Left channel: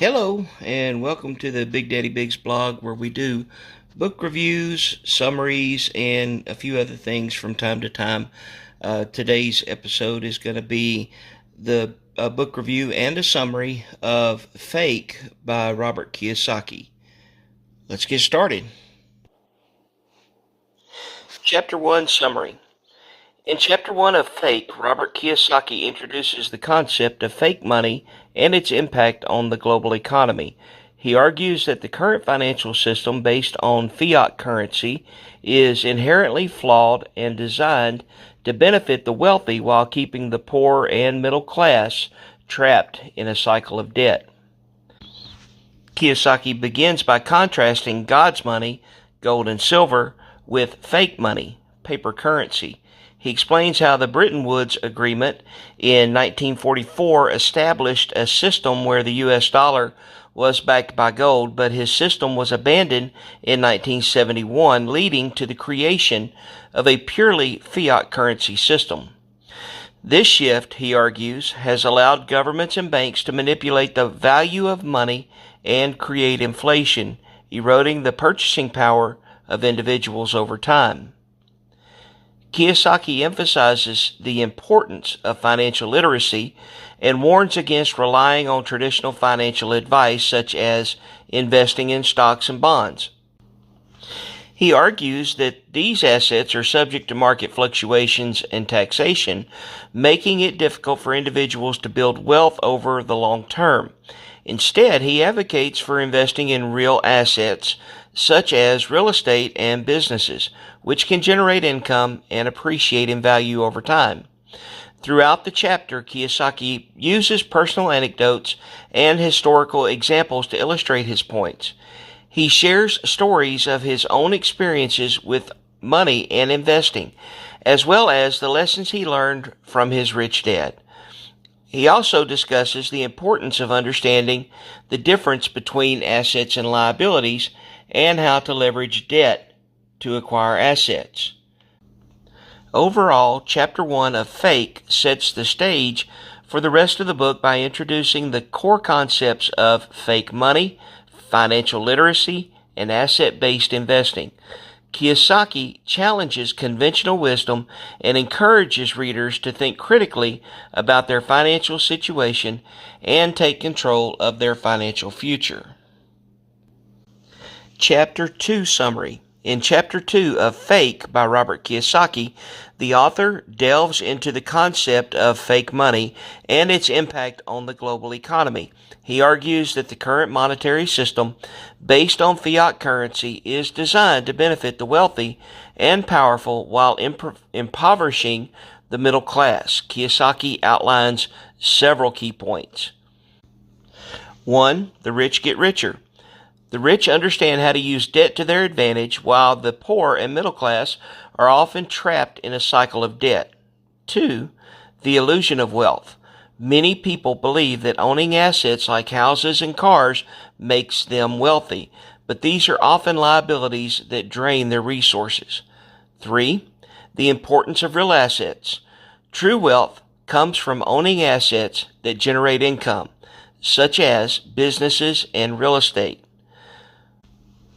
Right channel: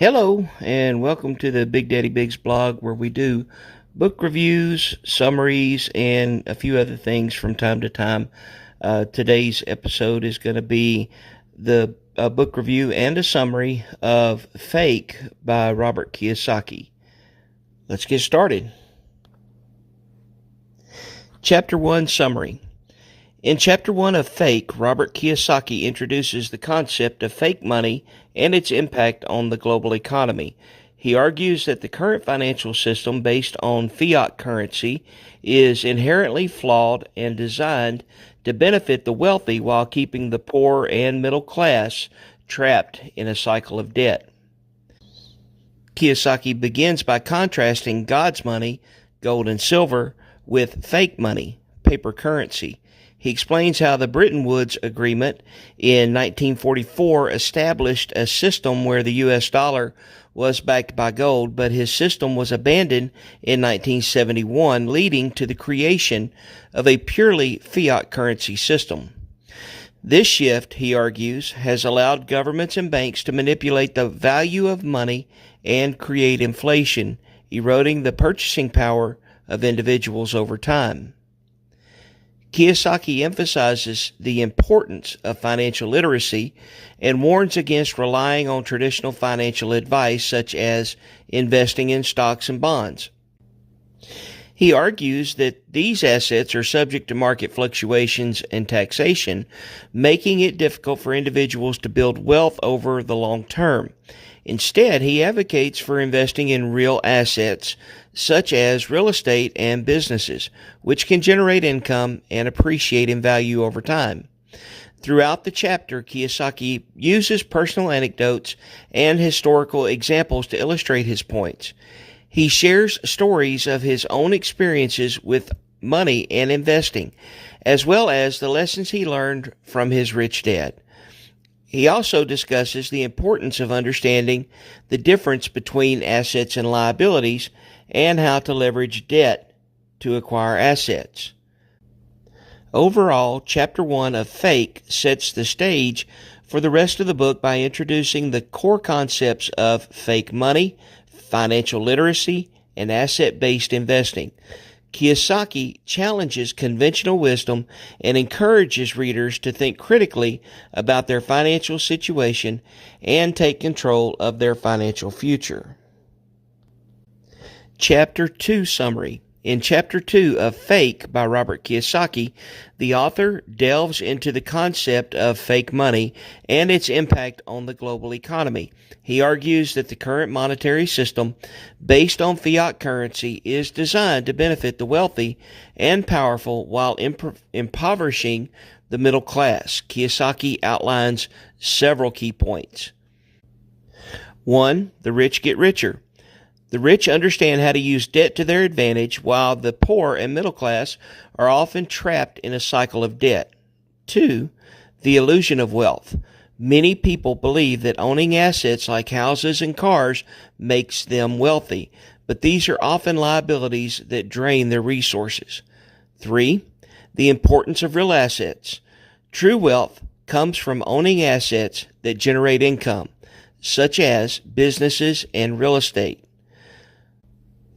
Hello, and welcome to the BigDaddyBigz blog, where we do book reviews, summaries, and a few other things from time to time. Today's episode is going to be the book review and a summary of Fake by Robert Kiyosaki. Let's get started. Chapter 1 Summary. In Chapter 1 of Fake, Robert Kiyosaki introduces the concept of fake money and its impact on the global economy. He argues that the current financial system based on fiat currency is inherently flawed and designed to benefit the wealthy while keeping the poor and middle class trapped in a cycle of debt. Kiyosaki begins by contrasting God's money, gold and silver, with fake money, paper currency. He explains how the Bretton Woods Agreement in 1944 established a system where the U.S. dollar was backed by gold, but his system was abandoned in 1971, leading to the creation of a purely fiat currency system. This shift, he argues, has allowed governments and banks to manipulate the value of money and create inflation, eroding the purchasing power of individuals over time. Kiyosaki emphasizes the importance of financial literacy and warns against relying on traditional financial advice such as investing in stocks and bonds. He argues that these assets are subject to market fluctuations and taxation, making it difficult for individuals to build wealth over the long term. Instead, he advocates for investing in real assets such as real estate and businesses, which can generate income and appreciate in value over time. Throughout the chapter, Kiyosaki uses personal anecdotes and historical examples to illustrate his points. He shares stories of his own experiences with money and investing, as well as the lessons he learned from his rich dad. He also discusses the importance of understanding the difference between assets and liabilities and how to leverage debt to acquire assets. Overall, Chapter 1 of Fake sets the stage for the rest of the book by introducing the core concepts of fake money, financial literacy, and asset-based investing. Kiyosaki challenges conventional wisdom and encourages readers to think critically about their financial situation and take control of their financial future. Chapter 2 Summary. In Chapter 2 of Fake by Robert Kiyosaki, the author delves into the concept of fake money and its impact on the global economy. He argues that the current monetary system, based on fiat currency, is designed to benefit the wealthy and powerful while impoverishing the middle class. Kiyosaki outlines several key points. 1. The rich get richer. The rich understand how to use debt to their advantage, while the poor and middle class are often trapped in a cycle of debt. 2. The illusion of wealth. Many people believe that owning assets like houses and cars makes them wealthy, but these are often liabilities that drain their resources. 3. The importance of real assets. True wealth comes from owning assets that generate income, such as businesses and real estate.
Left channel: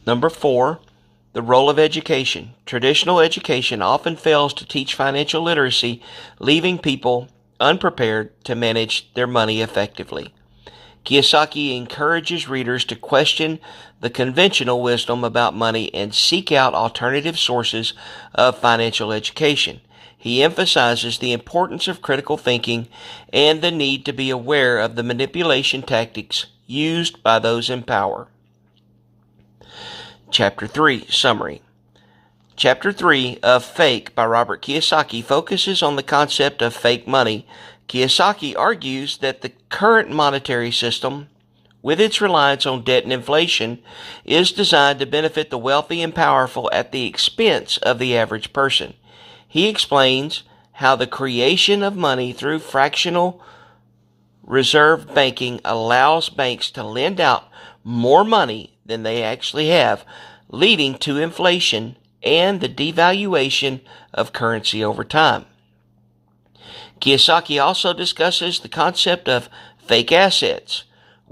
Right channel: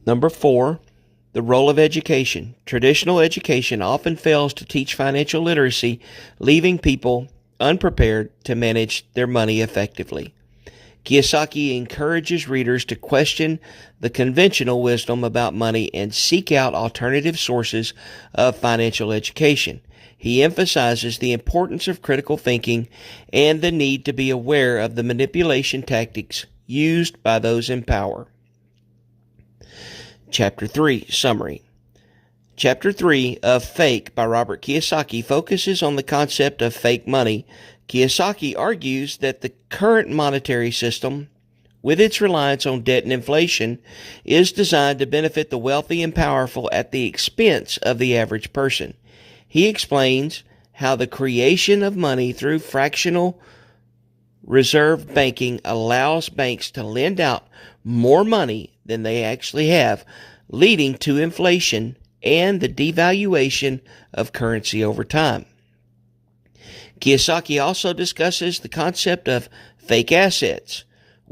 Number 4, the role of education. Traditional education often fails to teach financial literacy, leaving people unprepared to manage their money effectively. Kiyosaki encourages readers to question the conventional wisdom about money and seek out alternative sources of financial education. He emphasizes the importance of critical thinking and the need to be aware of the manipulation tactics used by those in power. Chapter 3 Summary. Chapter 3 of Fake by Robert Kiyosaki focuses on the concept of fake money. Kiyosaki argues that the current monetary system, with its reliance on debt and inflation, is designed to benefit the wealthy and powerful at the expense of the average person. He explains how the creation of money through fractional reserve banking allows banks to lend out more money than they actually have, leading to inflation and the devaluation of currency over time. Kiyosaki also discusses the concept of fake assets,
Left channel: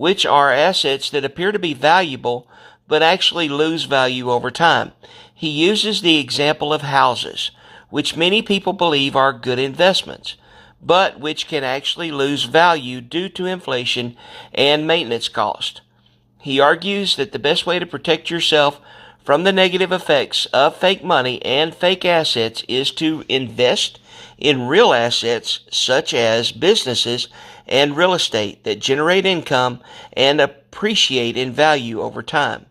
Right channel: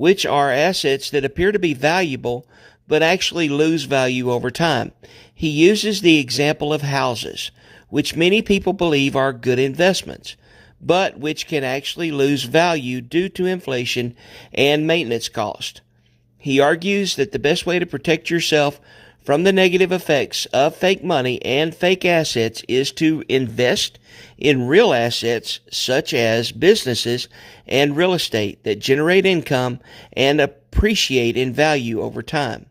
which are assets that appear to be valuable but actually lose value over time. He uses the example of houses, which many people believe are good investments, but which can actually lose value due to inflation and maintenance cost. He argues that the best way to protect yourself from the negative effects of fake money and fake assets is to invest in real assets such as businesses and real estate that generate income and appreciate in value over time.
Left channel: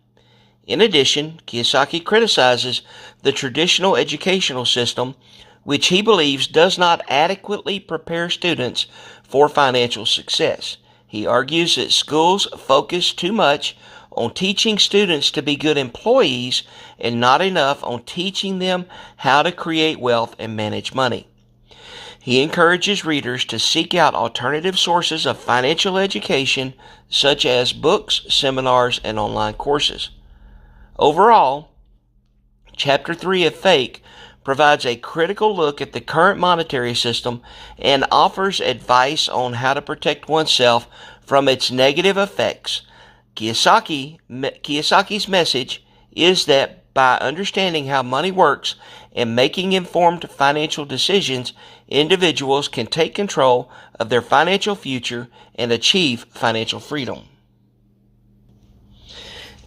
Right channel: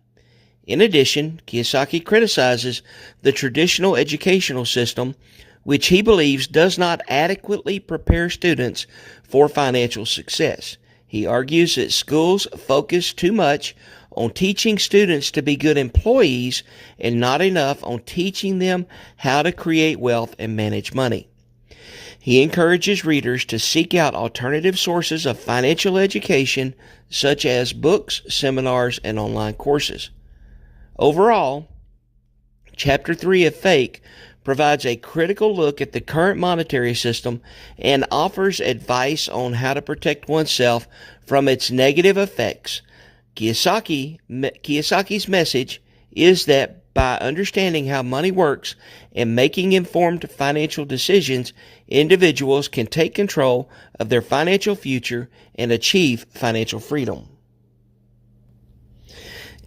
In addition, Kiyosaki criticizes the traditional educational system, which he believes does not adequately prepare students for financial success. He argues that schools focus too much on teaching students to be good employees and not enough on teaching them how to create wealth and manage money. He encourages readers to seek out alternative sources of financial education, such as books, seminars, and online courses. Overall, Chapter 3 of Fake provides a critical look at the current monetary system and offers advice on how to protect oneself from its negative effects. Kiyosaki's message is that by understanding how money works and making informed financial decisions, individuals can take control of their financial future and achieve financial freedom.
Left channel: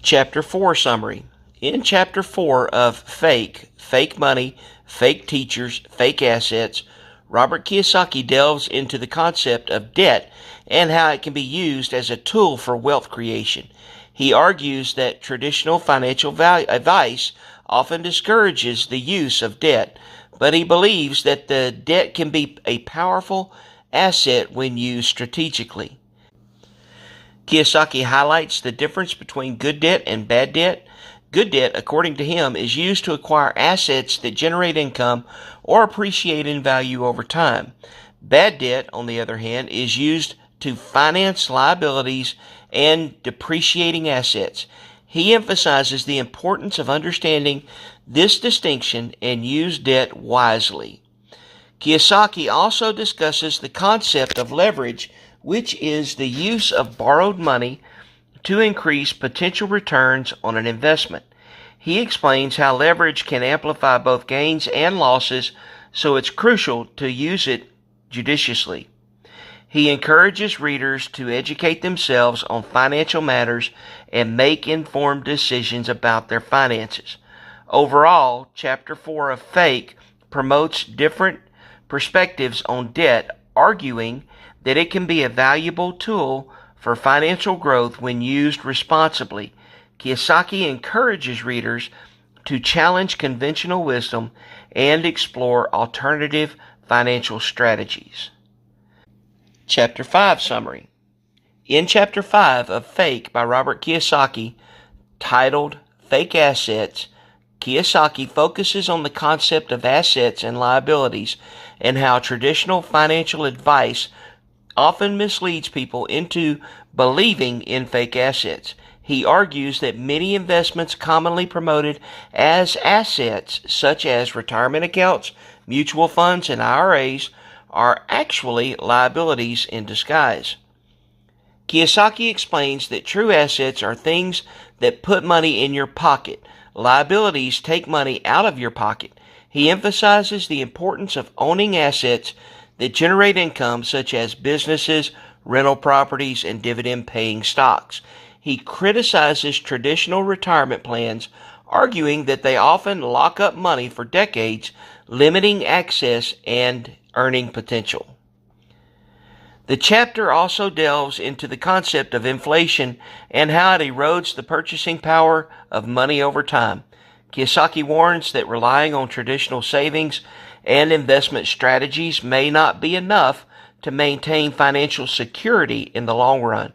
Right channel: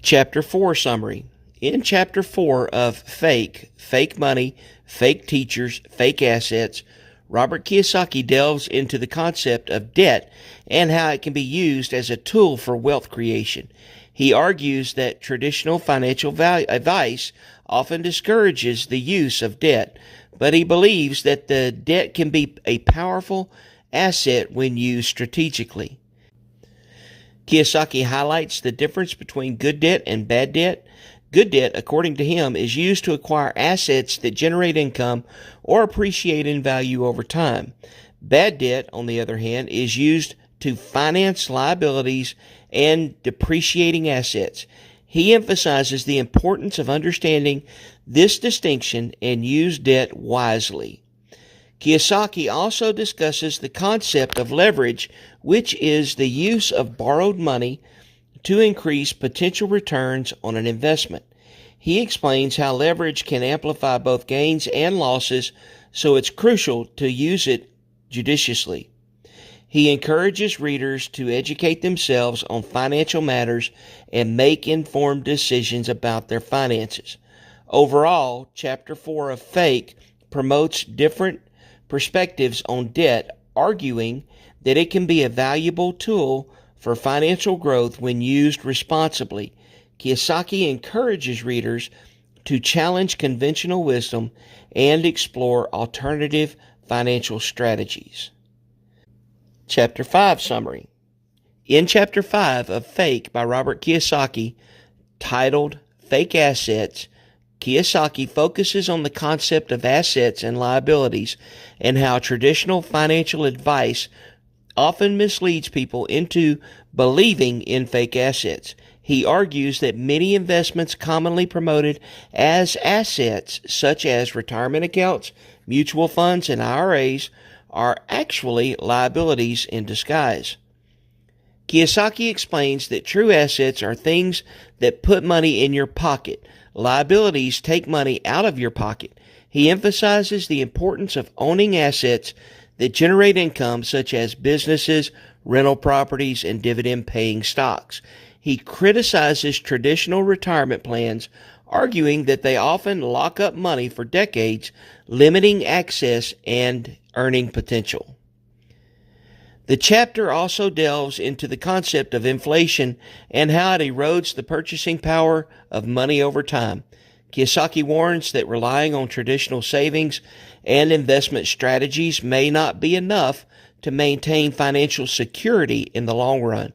Chapter 4 Summary. In Chapter 4 of Fake Money, Fake Teachers, Fake Assets, Robert Kiyosaki delves into the concept of debt and how it can be used as a tool for wealth creation. He argues that traditional financial advice often discourages the use of debt, but he believes that the debt can be a powerful asset when used strategically. Kiyosaki highlights the difference between good debt and bad debt. Good debt, according to him, is used to acquire assets that generate income or appreciate in value over time. Bad debt, on the other hand, is used to finance liabilities and depreciating assets. He emphasizes the importance of understanding this distinction and use debt wisely. Kiyosaki also discusses the concept of leverage, which is the use of borrowed money to increase potential returns on an investment. He explains how leverage can amplify both gains and losses, so it's crucial to use it judiciously. He encourages readers to educate themselves on financial matters and make informed decisions about their finances. Overall, Chapter 4 of Fake promotes different perspectives on debt, arguing that it can be a valuable tool for financial growth when used responsibly. Kiyosaki encourages readers to challenge conventional wisdom and explore alternative financial strategies. Chapter 5 Summary. In Chapter 5 of Fake by Robert Kiyosaki, titled Fake Assets, Kiyosaki focuses on the concept of assets and liabilities and how traditional financial advice often misleads people into believing in fake assets. He argues that many investments commonly promoted as assets, such as retirement accounts, mutual funds, and IRAs, are actually liabilities in disguise. Kiyosaki explains that true assets are things that put money in your pocket. Liabilities take money out of your pocket. He emphasizes the importance of owning assets that generate income, such as businesses, rental properties, and dividend-paying stocks. He criticizes traditional retirement plans, arguing that they often lock up money for decades, limiting access and earning potential. The chapter also delves into the concept of inflation and how it erodes the purchasing power of money over time. Kiyosaki warns that relying on traditional savings and investment strategies may not be enough to maintain financial security in the long run.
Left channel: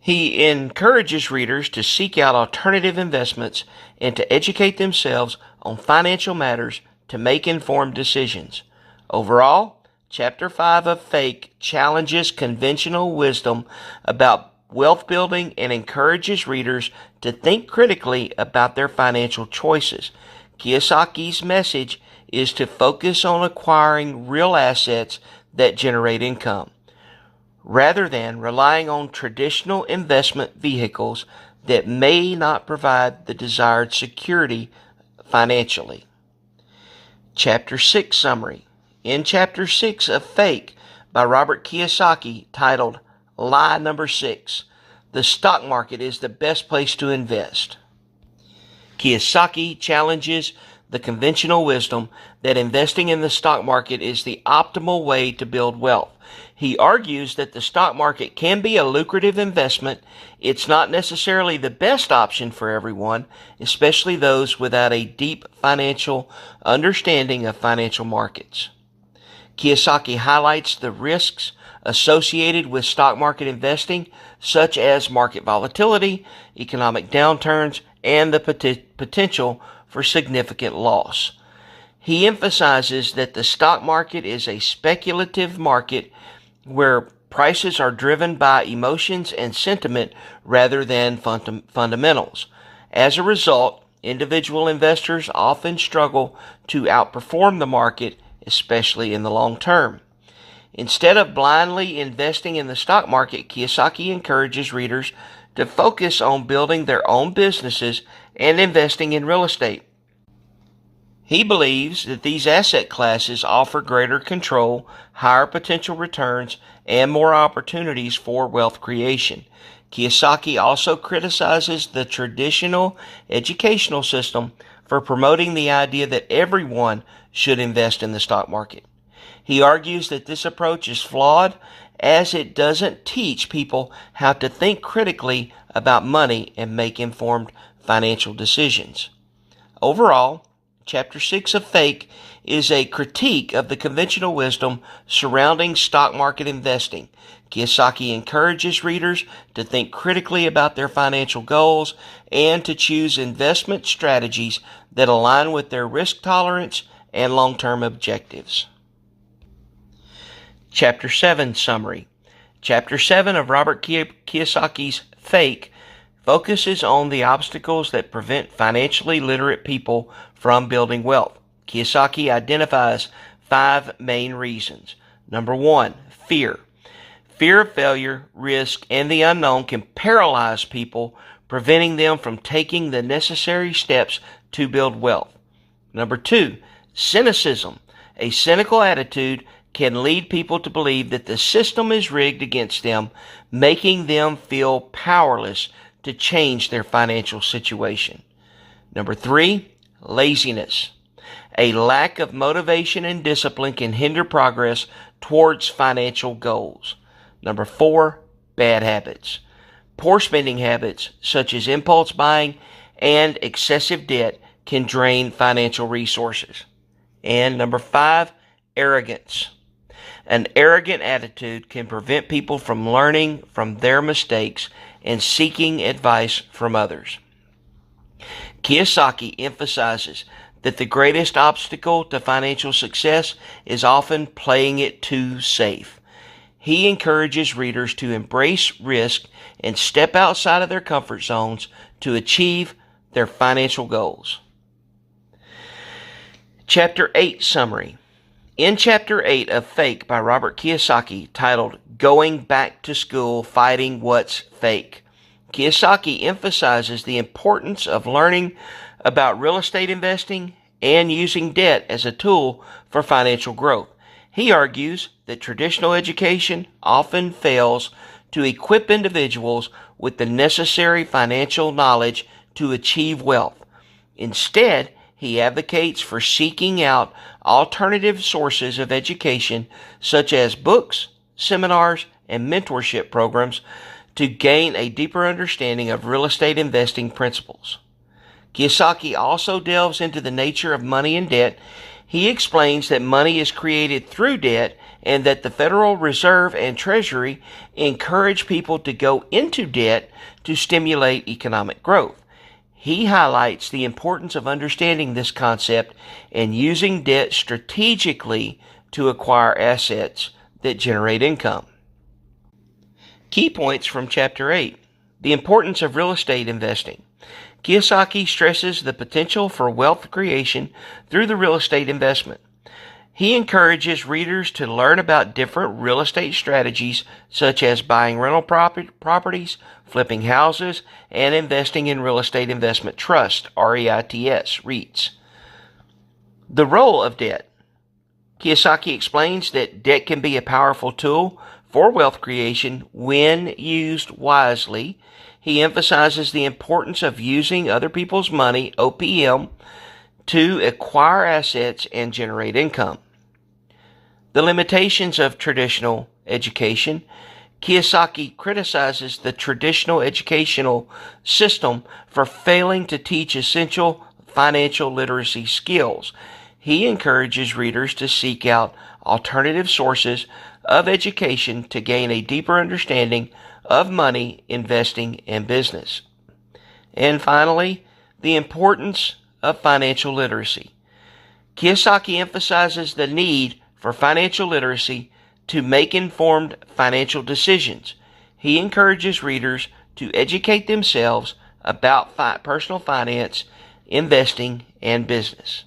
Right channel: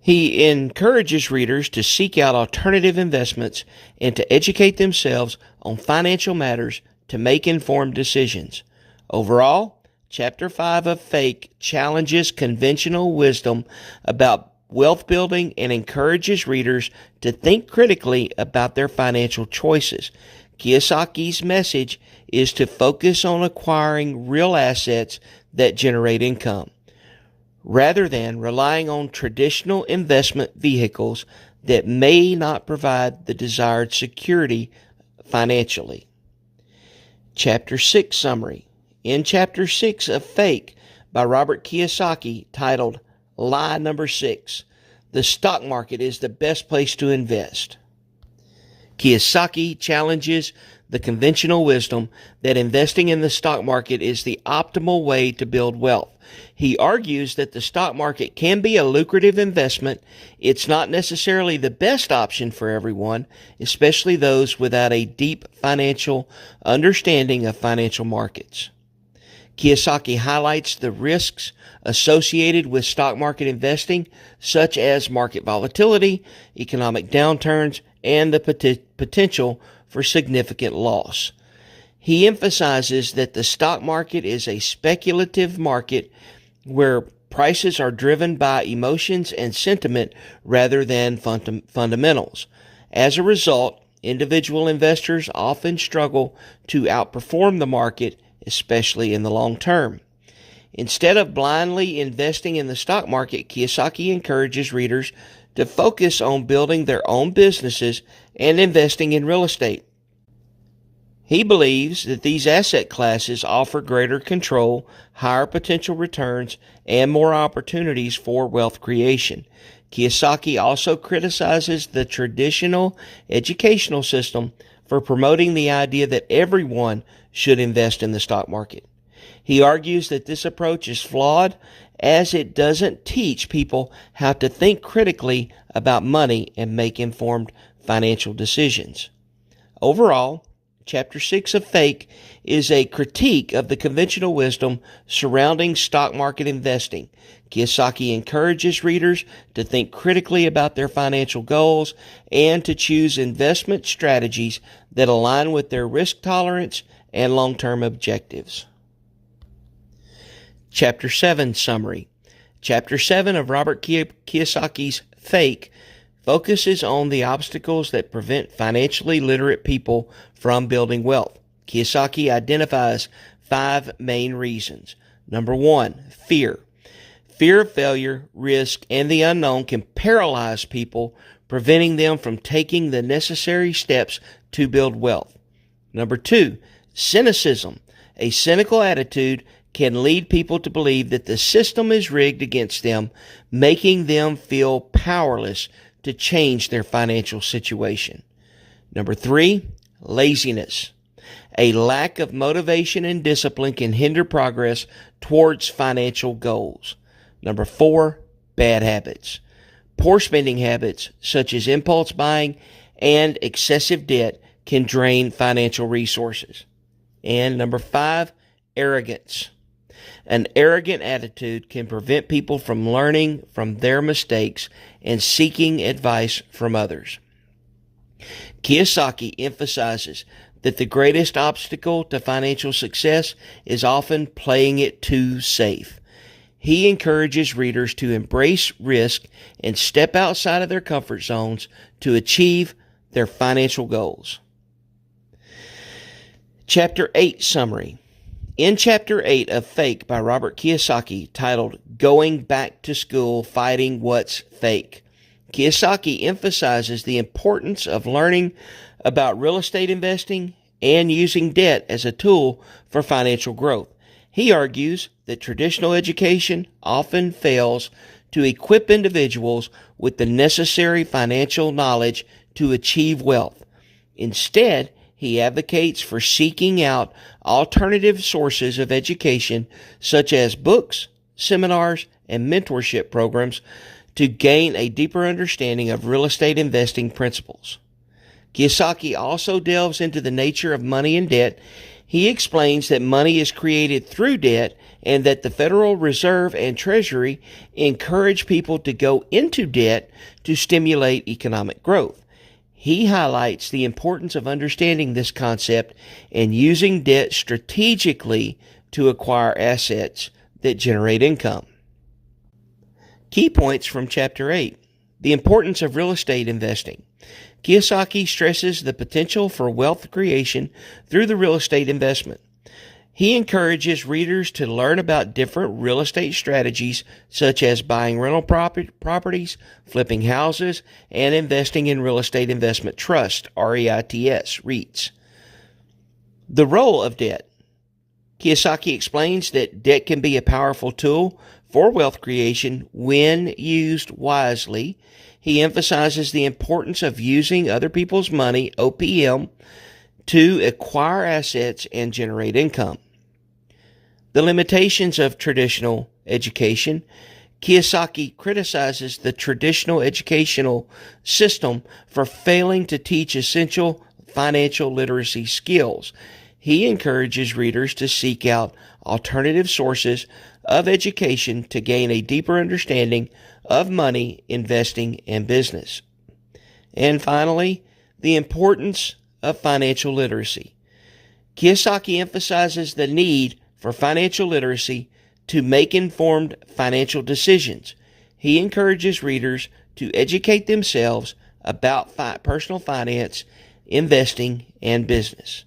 He encourages readers to seek out alternative investments and to educate themselves on financial matters to make informed decisions. Overall, Chapter 5 of Fake challenges conventional wisdom about wealth building and encourages readers to think critically about their financial choices. Kiyosaki's message is to focus on acquiring real assets that generate income. rather than relying on traditional investment vehicles that may not provide the desired security financially. Chapter 6 Summary. In Chapter 6 of Fake by Robert Kiyosaki, titled Lie Number 6, the stock market is the best place to invest. Kiyosaki challenges the conventional wisdom that investing in the stock market is the optimal way to build wealth. He argues that the stock market can be a lucrative investment. It's not necessarily the best option for everyone, especially those without a deep financial understanding of financial markets. Kiyosaki highlights the risks associated with stock market investing, such as market volatility, economic downturns, and the potential for significant loss. He emphasizes that the stock market is a speculative market where prices are driven by emotions and sentiment rather than fundamentals. As a result, individual investors often struggle to outperform the market, especially in the long term. Instead of blindly investing in the stock market, Kiyosaki encourages readers to focus on building their own businesses and investing in real estate. He believes that these asset classes offer greater control, higher potential returns, and more opportunities for wealth creation. Kiyosaki also criticizes the traditional educational system for promoting the idea that everyone should invest in the stock market. He argues that this approach is flawed as it doesn't teach people how to think critically about money and make informed financial decisions. Overall, Chapter 6 of Fake is a critique of the conventional wisdom surrounding stock market investing. Kiyosaki encourages readers to think critically about their financial goals and to choose investment strategies that align with their risk tolerance and long-term objectives. Chapter 7 Summary. Chapter 7 of Robert Kiyosaki's Fake focuses on the obstacles that prevent financially literate people from building wealth. Kiyosaki identifies 5 main reasons. Number 1, fear. Fear of failure, risk, and the unknown can paralyze people, preventing them from taking the necessary steps to build wealth. Number 2, cynicism. A cynical attitude can lead people to believe that the system is rigged against them, making them feel powerless to change their financial situation. Number 3, laziness. A lack of motivation and discipline can hinder progress towards financial goals. Number 4, bad habits. Poor spending habits, such as impulse buying and excessive debt, can drain financial resources. And number 5, arrogance. An arrogant attitude can prevent people from learning from their mistakes and seeking advice from others. Kiyosaki emphasizes that the greatest obstacle to financial success is often playing it too safe. He encourages readers to embrace risk and step outside of their comfort zones to achieve their financial goals. Chapter 8 Summary. In Chapter 8 of Fake by Robert Kiyosaki, titled Going Back to School, Fighting What's Fake, Kiyosaki emphasizes the importance of learning about real estate investing and using debt as a tool for financial growth. He argues that traditional education often fails to equip individuals with the necessary financial knowledge to achieve wealth. Instead, he advocates for seeking out alternative sources of education such as books, seminars, and mentorship programs to gain a deeper understanding of real estate investing principles. Kiyosaki also delves into the nature of money and debt. He explains that money is created through debt and that the Federal Reserve and Treasury encourage people to go into debt to stimulate economic growth. He highlights the importance of understanding this concept and using debt strategically to acquire assets that generate income. Key points from Chapter 8. The importance of real estate investing. Kiyosaki stresses the potential for wealth creation through the real estate investment. He encourages readers to learn about different real estate strategies such as buying rental properties, flipping houses, and investing in real estate investment trust, REITs. The role of debt. Kiyosaki explains that debt can be a powerful tool for wealth creation when used wisely. He emphasizes the importance of using other people's money, OPM, to acquire assets and generate income. The limitations of traditional education. Kiyosaki criticizes the traditional educational system for failing to teach essential financial literacy skills. He encourages readers to seek out alternative sources of education to gain a deeper understanding of money, investing, and business. And finally, the importance of financial literacy. Kiyosaki emphasizes the need for financial literacy to make informed financial decisions. He encourages readers to educate themselves about personal finance, investing, and business.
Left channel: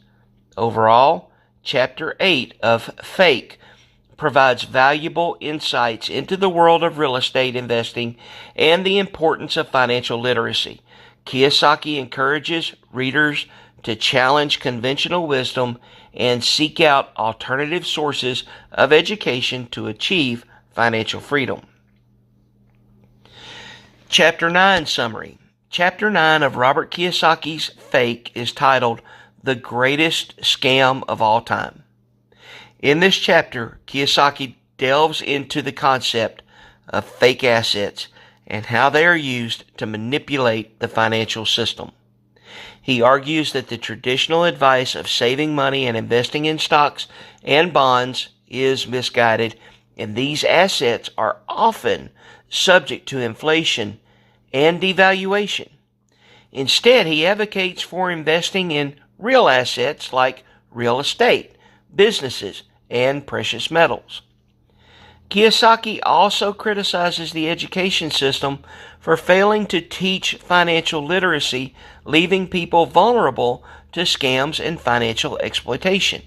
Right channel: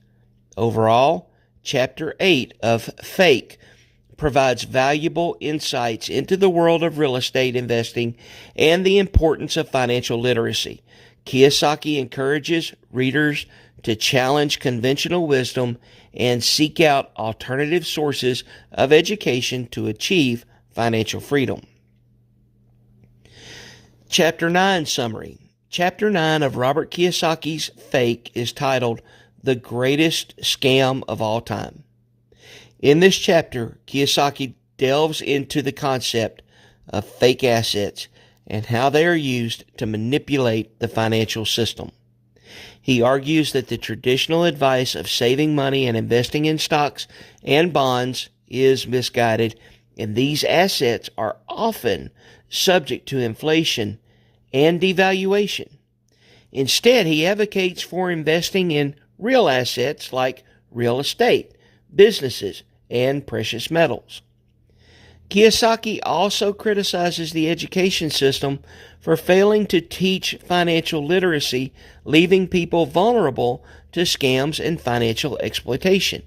Overall, Chapter 8 of Fake provides valuable insights into the world of real estate investing and the importance of financial literacy. Kiyosaki encourages readers to challenge conventional wisdom and seek out alternative sources of education to achieve financial freedom. Chapter 9 Summary. Chapter 9 of Robert Kiyosaki's Fake is titled The Greatest Scam of All Time. In this chapter, Kiyosaki delves into the concept of fake assets and how they are used to manipulate the financial system. He argues that the traditional advice of saving money and investing in stocks and bonds is misguided, and these assets are often subject to inflation and devaluation. Instead, he advocates for investing in real assets like real estate, businesses, and precious metals. Kiyosaki also criticizes the education system for failing to teach financial literacy, leaving people vulnerable to scams and financial exploitation.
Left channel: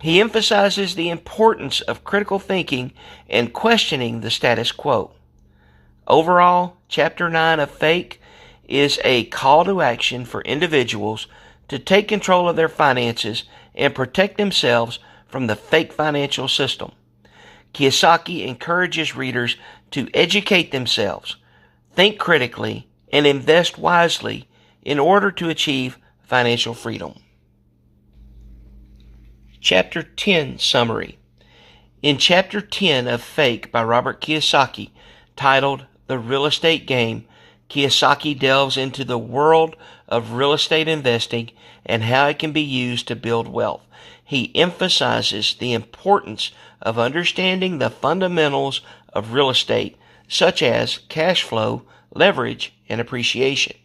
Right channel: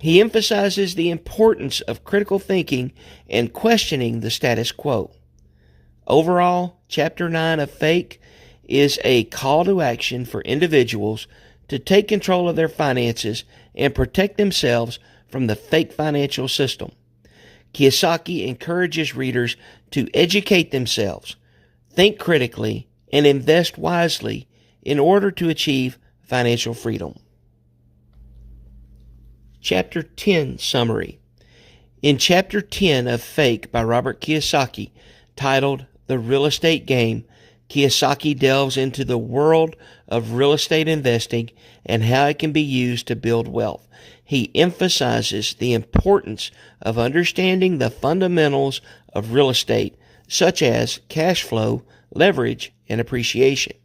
He emphasizes the importance of critical thinking and questioning the status quo. Overall, Chapter 9 of Fake is a call to action for individuals to take control of their finances and protect themselves from the fake financial system. Kiyosaki encourages readers to educate themselves, think critically, and invest wisely in order to achieve financial freedom. Chapter 10 Summary. In Chapter 10 of Fake by Robert Kiyosaki, titled The Real Estate Game, Kiyosaki delves into the world of real estate investing and how it can be used to build wealth. He emphasizes the importance of understanding the fundamentals of real estate, such as cash flow, leverage, and appreciation.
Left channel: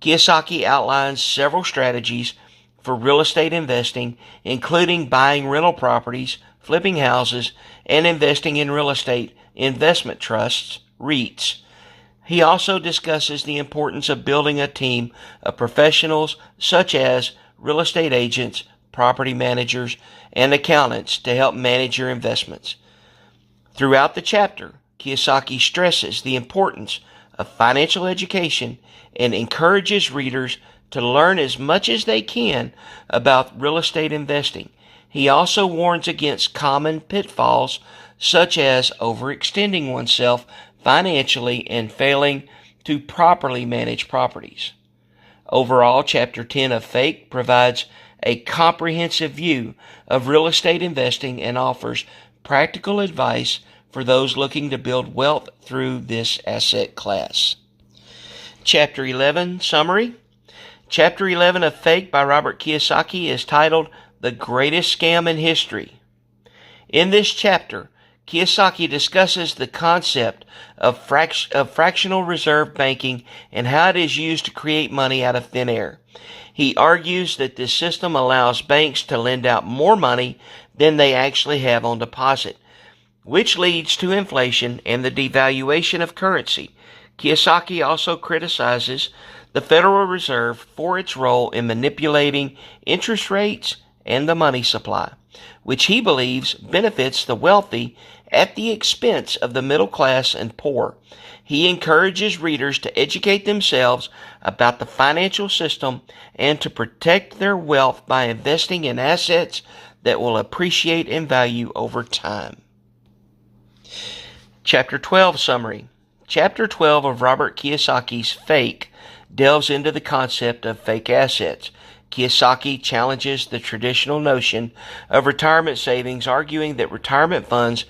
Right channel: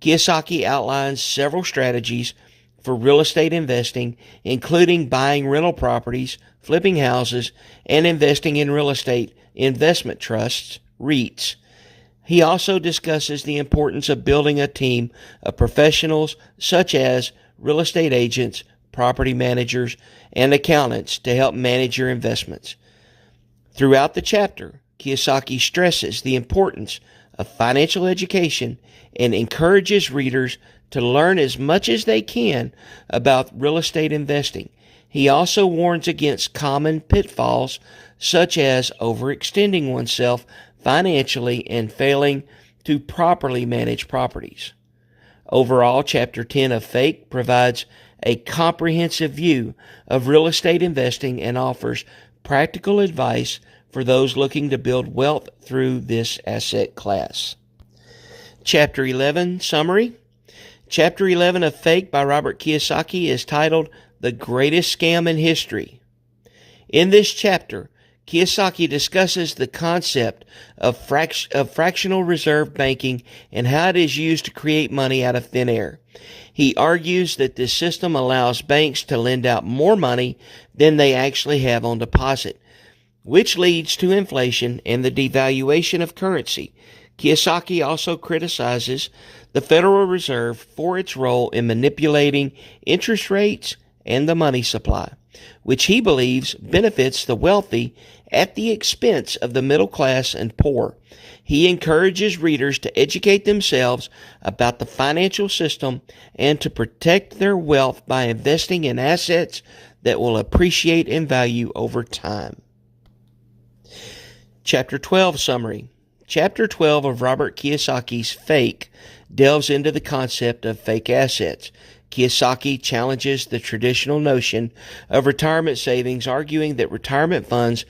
Kiyosaki outlines several strategies for real estate investing, including buying rental properties, flipping houses, and investing in real estate investment trusts, REITs. He also discusses the importance of building a team of professionals such as real estate agents, property managers, and accountants to help manage your investments. Throughout the chapter, Kiyosaki stresses the importance of financial education and encourages readers to learn as much as they can about real estate investing. He also warns against common pitfalls such as overextending oneself financially and failing to properly manage properties. Overall, Chapter 10 of Fake provides a comprehensive view of real estate investing and offers practical advice for those looking to build wealth through this asset class. Chapter 11 Summary. Chapter 11 of Fake by Robert Kiyosaki is titled The Greatest Scam in History. In this chapter, Kiyosaki discusses the concept of fractional reserve banking and how it is used to create money out of thin air. He argues that this system allows banks to lend out more money than they actually have on deposit, which leads to inflation and the devaluation of currency. Kiyosaki also criticizes the Federal Reserve for its role in manipulating interest rates and the money supply. which he believes benefits the wealthy at the expense of the middle class and poor. He encourages readers to educate themselves about the financial system and to protect their wealth by investing in assets that will appreciate in value over time. Chapter 12 Summary. Chapter 12 of Robert Kiyosaki's Fake delves into the concept of fake assets. Kiyosaki challenges the traditional notion of retirement savings, arguing that retirement funds,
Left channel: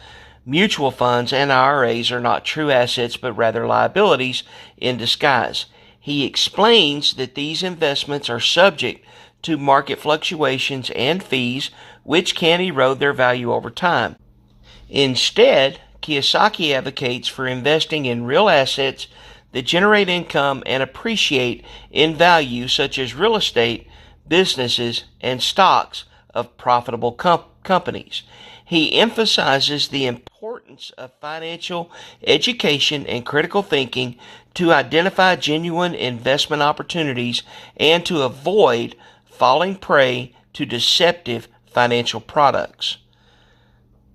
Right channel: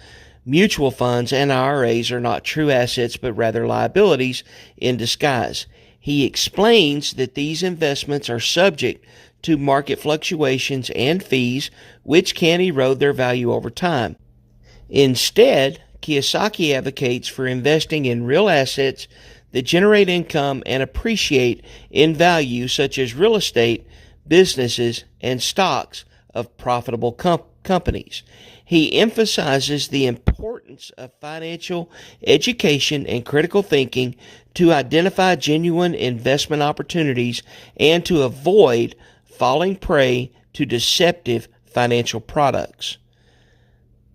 mutual funds, and IRAs are not true assets but rather liabilities in disguise. He explains that these investments are subject to market fluctuations and fees, which can erode their value over time. Instead, Kiyosaki advocates for investing in real assets that generate income and appreciate in value, such as real estate, businesses, and stocks of profitable companies. He emphasizes the importance of financial education and critical thinking to identify genuine investment opportunities and to avoid falling prey to deceptive financial products.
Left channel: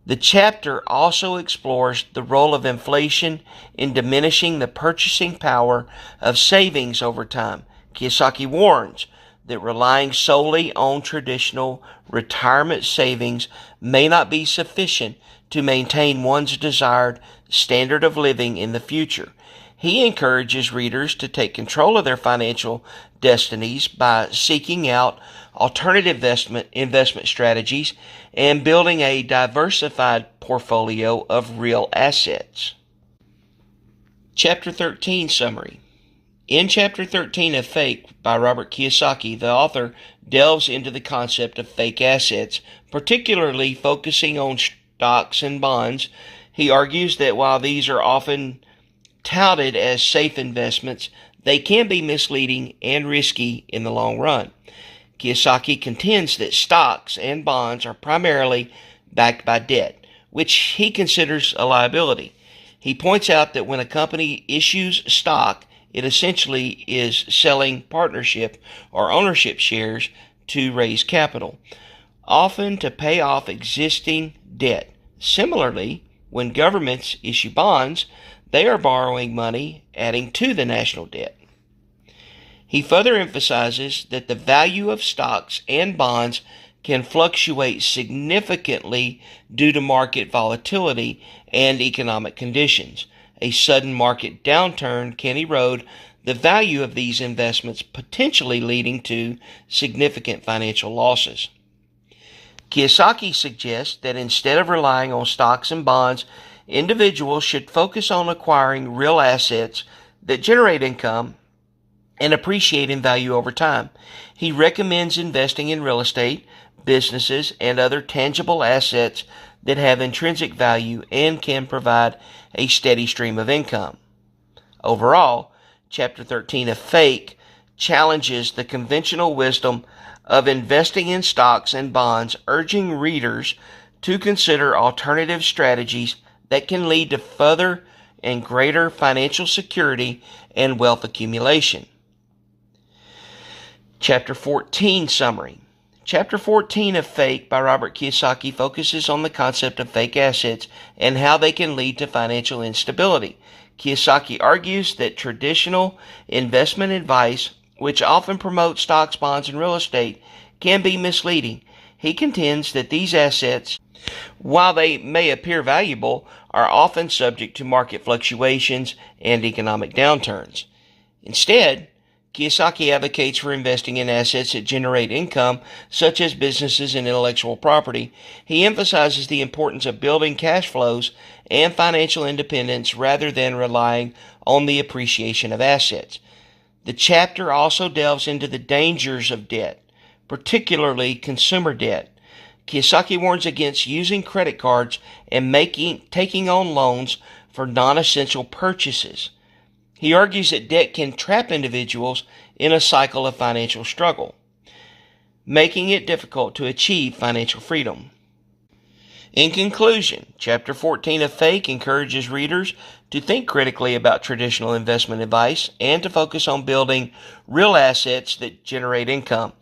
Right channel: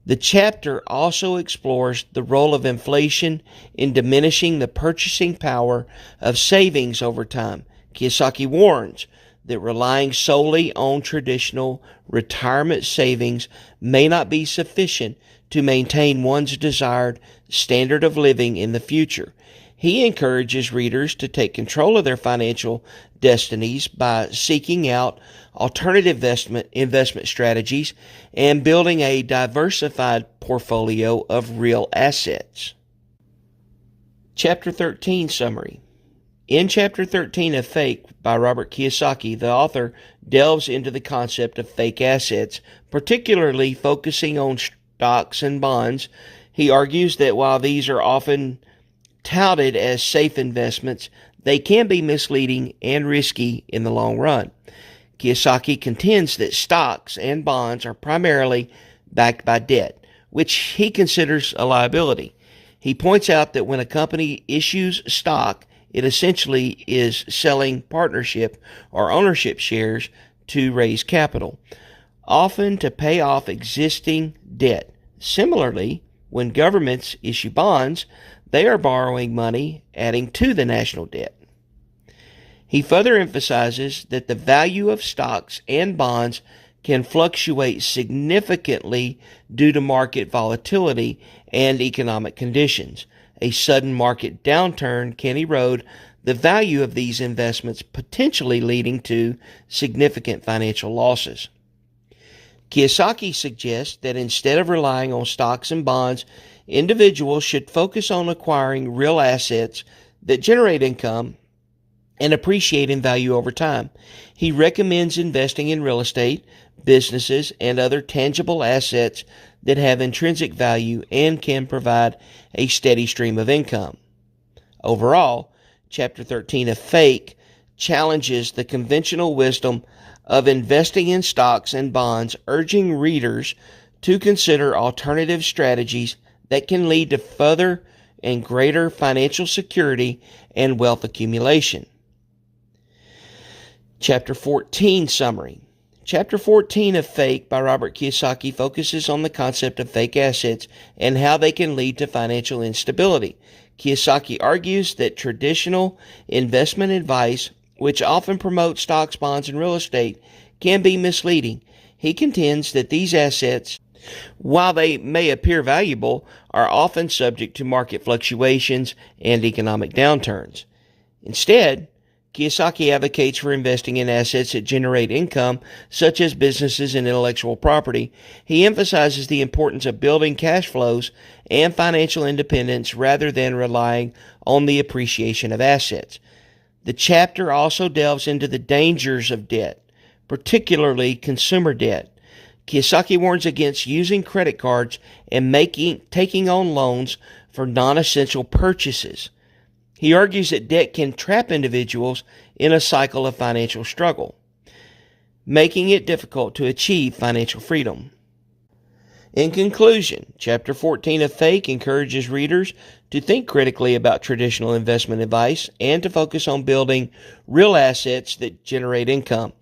The chapter also explores the role of inflation in diminishing the purchasing power of savings over time. Kiyosaki warns that relying solely on traditional retirement savings may not be sufficient to maintain one's desired standard of living in the future. He encourages readers to take control of their financial destinies by seeking out alternative investment strategies and building a diversified portfolio of real assets. Chapter 13 Summary. In Chapter 13 of Fake by Robert Kiyosaki, the author delves into the concept of fake assets, particularly focusing on stocks and bonds. He argues that while these are often touted as safe investments, they can be misleading and risky in the long run. Kiyosaki contends that stocks and bonds are primarily backed by debt, which he considers a liability. He points out that when a company issues stock, it essentially is selling partnership or ownership shares to raise capital, often to pay off existing debt. Similarly, when governments issue bonds, they are borrowing money, adding to the national debt. He further emphasizes that the value of stocks and bonds can fluctuate significantly due to market volatility and economic conditions. A sudden market downturn can erode the value of these investments, potentially leading to significant financial losses. Kiyosaki suggests that instead of relying on stocks and bonds, individuals should focus on acquiring real assets that generate income and appreciate in value over time. He recommends investing in real estate, businesses, and other tangible assets that have intrinsic value and can provide a steady stream of income. Overall, Chapter 13 of Fake challenges the conventional wisdom of investing in stocks and bonds, urging readers to consider alternative strategies that can lead to further and greater financial security and wealth accumulation. Chapter 14 Summary. Chapter 14 of Fake by Robert Kiyosaki focuses on the concept of fake assets and how they can lead to financial instability. Kiyosaki argues that traditional investment advice, which often promotes stocks, bonds, and real estate, can be misleading. He contends that these assets, while they may appear valuable, are often subject to market fluctuations and economic downturns. Instead, Kiyosaki advocates for investing in assets that generate income, such as businesses and intellectual property. He emphasizes the importance of building cash flows and financial independence rather than relying on the appreciation of assets. The chapter also delves into the dangers of debt, particularly consumer debt. Kiyosaki warns against using credit cards and taking on loans for non-essential purchases. He argues that debt can trap individuals in a cycle of financial struggle, making it difficult to achieve financial freedom. In conclusion, Chapter 14 of Fake encourages readers to think critically about traditional investment advice and to focus on building real assets that generate income.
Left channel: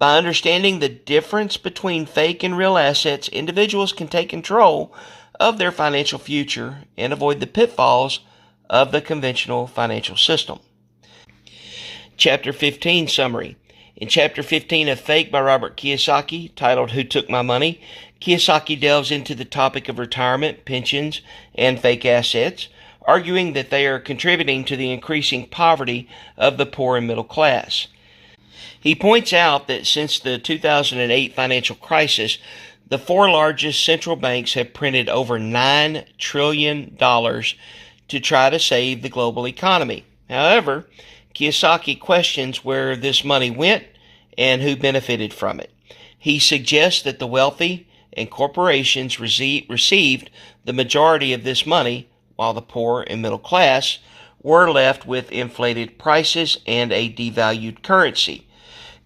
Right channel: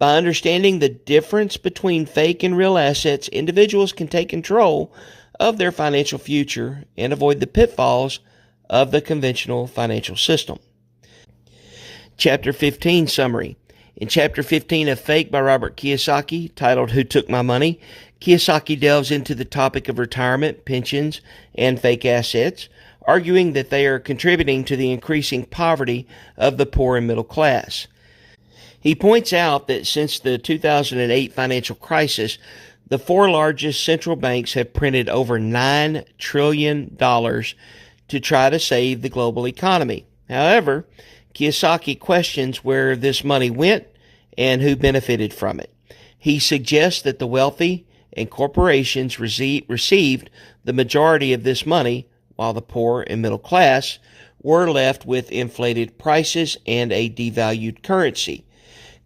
By understanding the difference between fake and real assets, individuals can take control of their financial future and avoid the pitfalls of the conventional financial system. Chapter 15 Summary. In Chapter 15 of Fake by Robert Kiyosaki, titled Who Took My Money?, Kiyosaki delves into the topic of retirement, pensions, and fake assets, arguing that they are contributing to the increasing poverty of the poor and middle class. He points out that since the 2008 financial crisis, the four largest central banks have printed over $9 trillion to try to save the global economy. However, Kiyosaki questions where this money went and who benefited from it. He suggests that the wealthy and corporations received the majority of this money, while the poor and middle class were left with inflated prices and a devalued currency.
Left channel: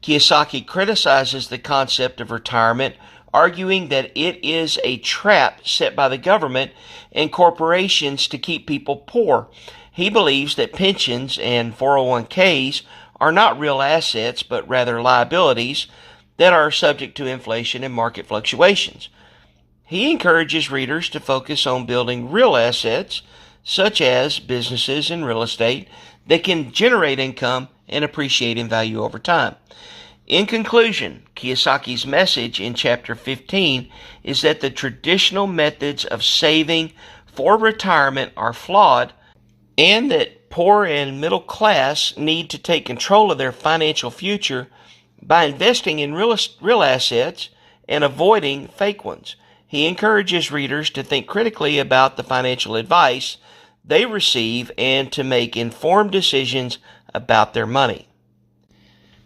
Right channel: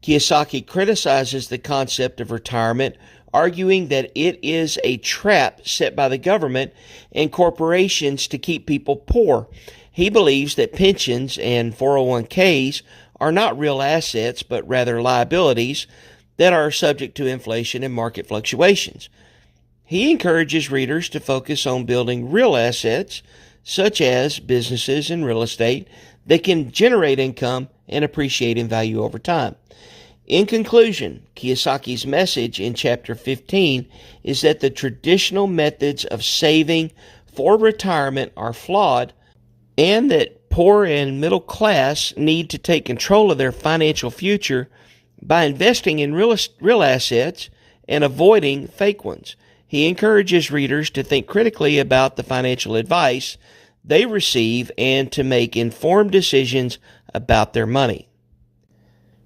Kiyosaki criticizes the concept of retirement, arguing that it is a trap set by the government and corporations to keep people poor. He believes that pensions and 401ks are not real assets, but rather liabilities that are subject to inflation and market fluctuations. He encourages readers to focus on building real assets, such as businesses and real estate, that can generate income and appreciate in value over time. In conclusion, Kiyosaki's message in Chapter 15 is that the traditional methods of saving for retirement are flawed, and that poor and middle class need to take control of their financial future by investing in real assets and avoiding fake ones. He encourages readers to think critically about the financial advice they receive and to make informed decisions about their money.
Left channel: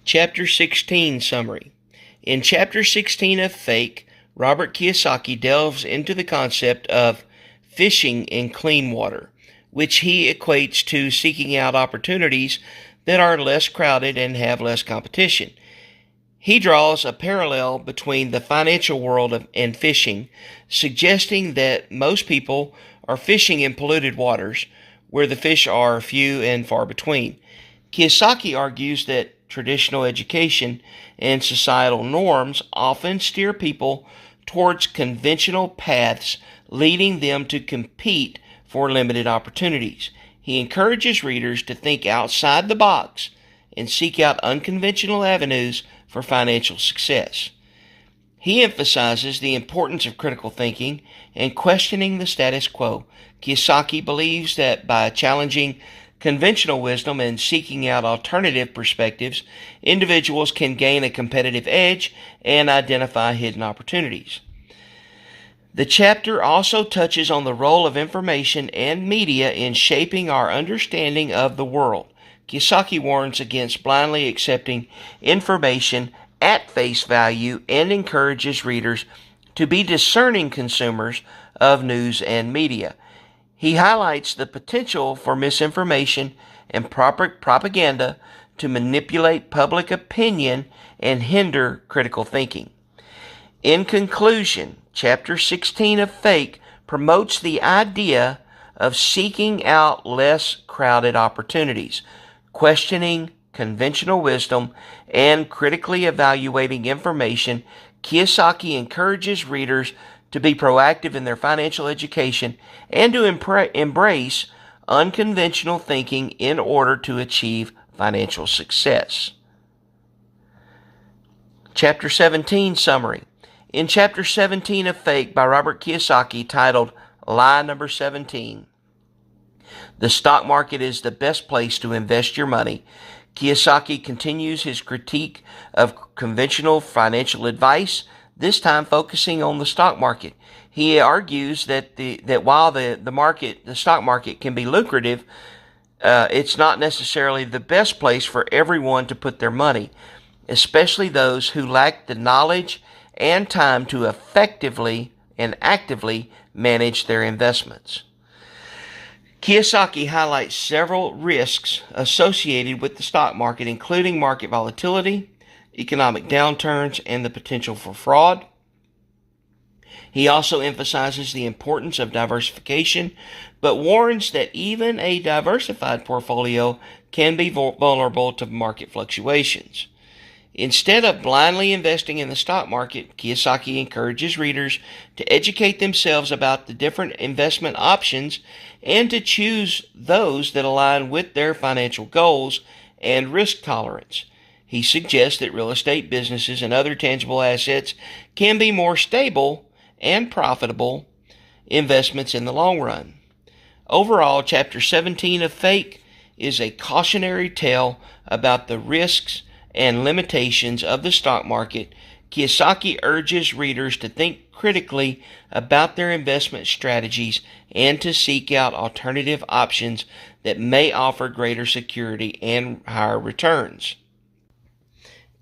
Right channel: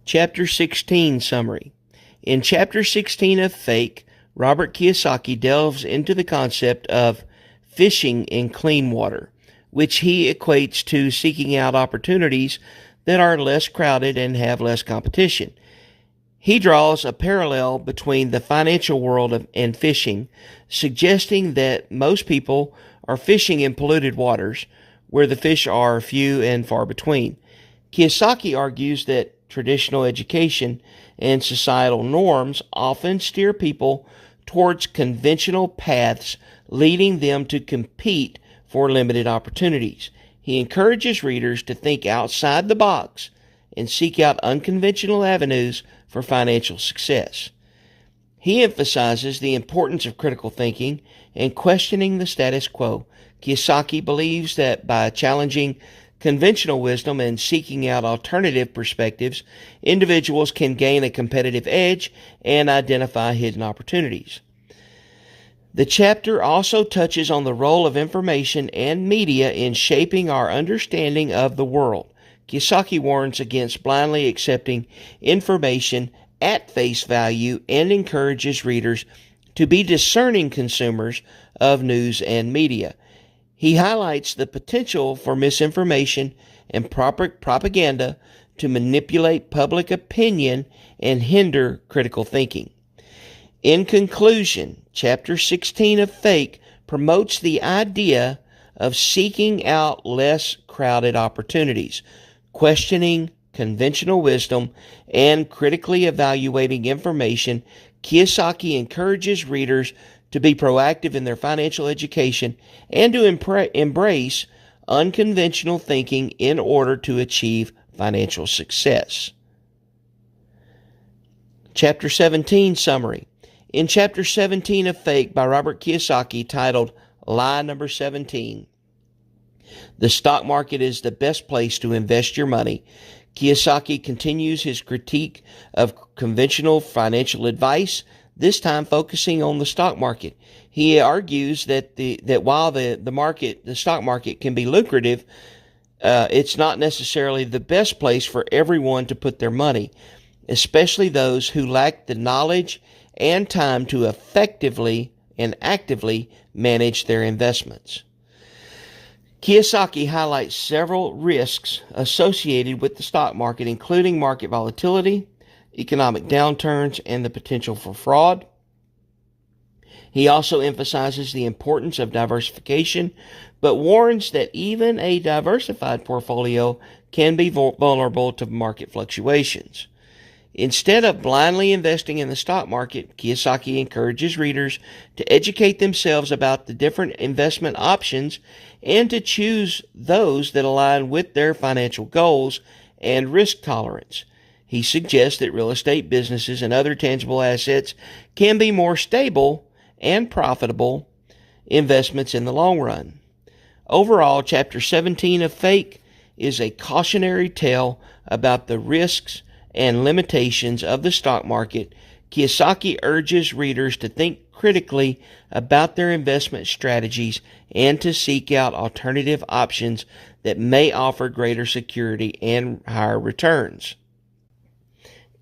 Chapter 16 Summary. In Chapter 16 of Fake, Robert Kiyosaki delves into the concept of fishing in clean water, which he equates to seeking out opportunities that are less crowded and have less competition. He draws a parallel between the financial world and fishing, suggesting that most people are fishing in polluted waters, where the fish are few and far between. Kiyosaki argues that traditional education and societal norms often steer people towards conventional paths, leading them to compete for limited opportunities. He encourages readers to think outside the box and seek out unconventional avenues for financial success. He emphasizes the importance of critical thinking and questioning the status quo. Kiyosaki believes that by challenging conventional wisdom and seeking out alternative perspectives, individuals can gain a competitive edge and identify hidden opportunities. The chapter also touches on the role of information and media in shaping our understanding of the world. Kiyosaki warns against blindly accepting information at face value and encourages readers to be discerning consumers of news and media. He highlights the potential for misinformation and propaganda to manipulate public opinion and hinder critical thinking. In conclusion, Chapter 16 of Fake promotes the idea of seeking out less crowded opportunities, questioning conventional wisdom, and critically evaluating information. Kiyosaki encourages readers to be proactive in their financial education and to embrace unconventional thinking in order to achieve financial success. Chapter 17 Summary. In Chapter 17 of Fake by Robert Kiyosaki, titled Lie Number 17, the stock market is the best place to invest your money. Kiyosaki continues his critique of conventional financial advice, this time focusing on the stock market. He argues that while the stock market can be lucrative, it's not necessarily the best place for everyone to put their money, especially those who lack the knowledge and time to effectively and actively manage their investments. Kiyosaki highlights several risks associated with the stock market, including market volatility, economic downturns, and the potential for fraud. He also emphasizes the importance of diversification, but warns that even a diversified portfolio can be vulnerable to market fluctuations. Instead of blindly investing in the stock market, Kiyosaki encourages readers to educate themselves about the different investment options and to choose those that align with their financial goals and risk tolerance. He suggests that real estate businesses and other tangible assets can be more stable and profitable investments in the long run. Overall, Chapter 17 of Fake is a cautionary tale about the risks and limitations of the stock market. Kiyosaki urges readers to think critically about their investment strategies and to seek out alternative options that may offer greater security and higher returns.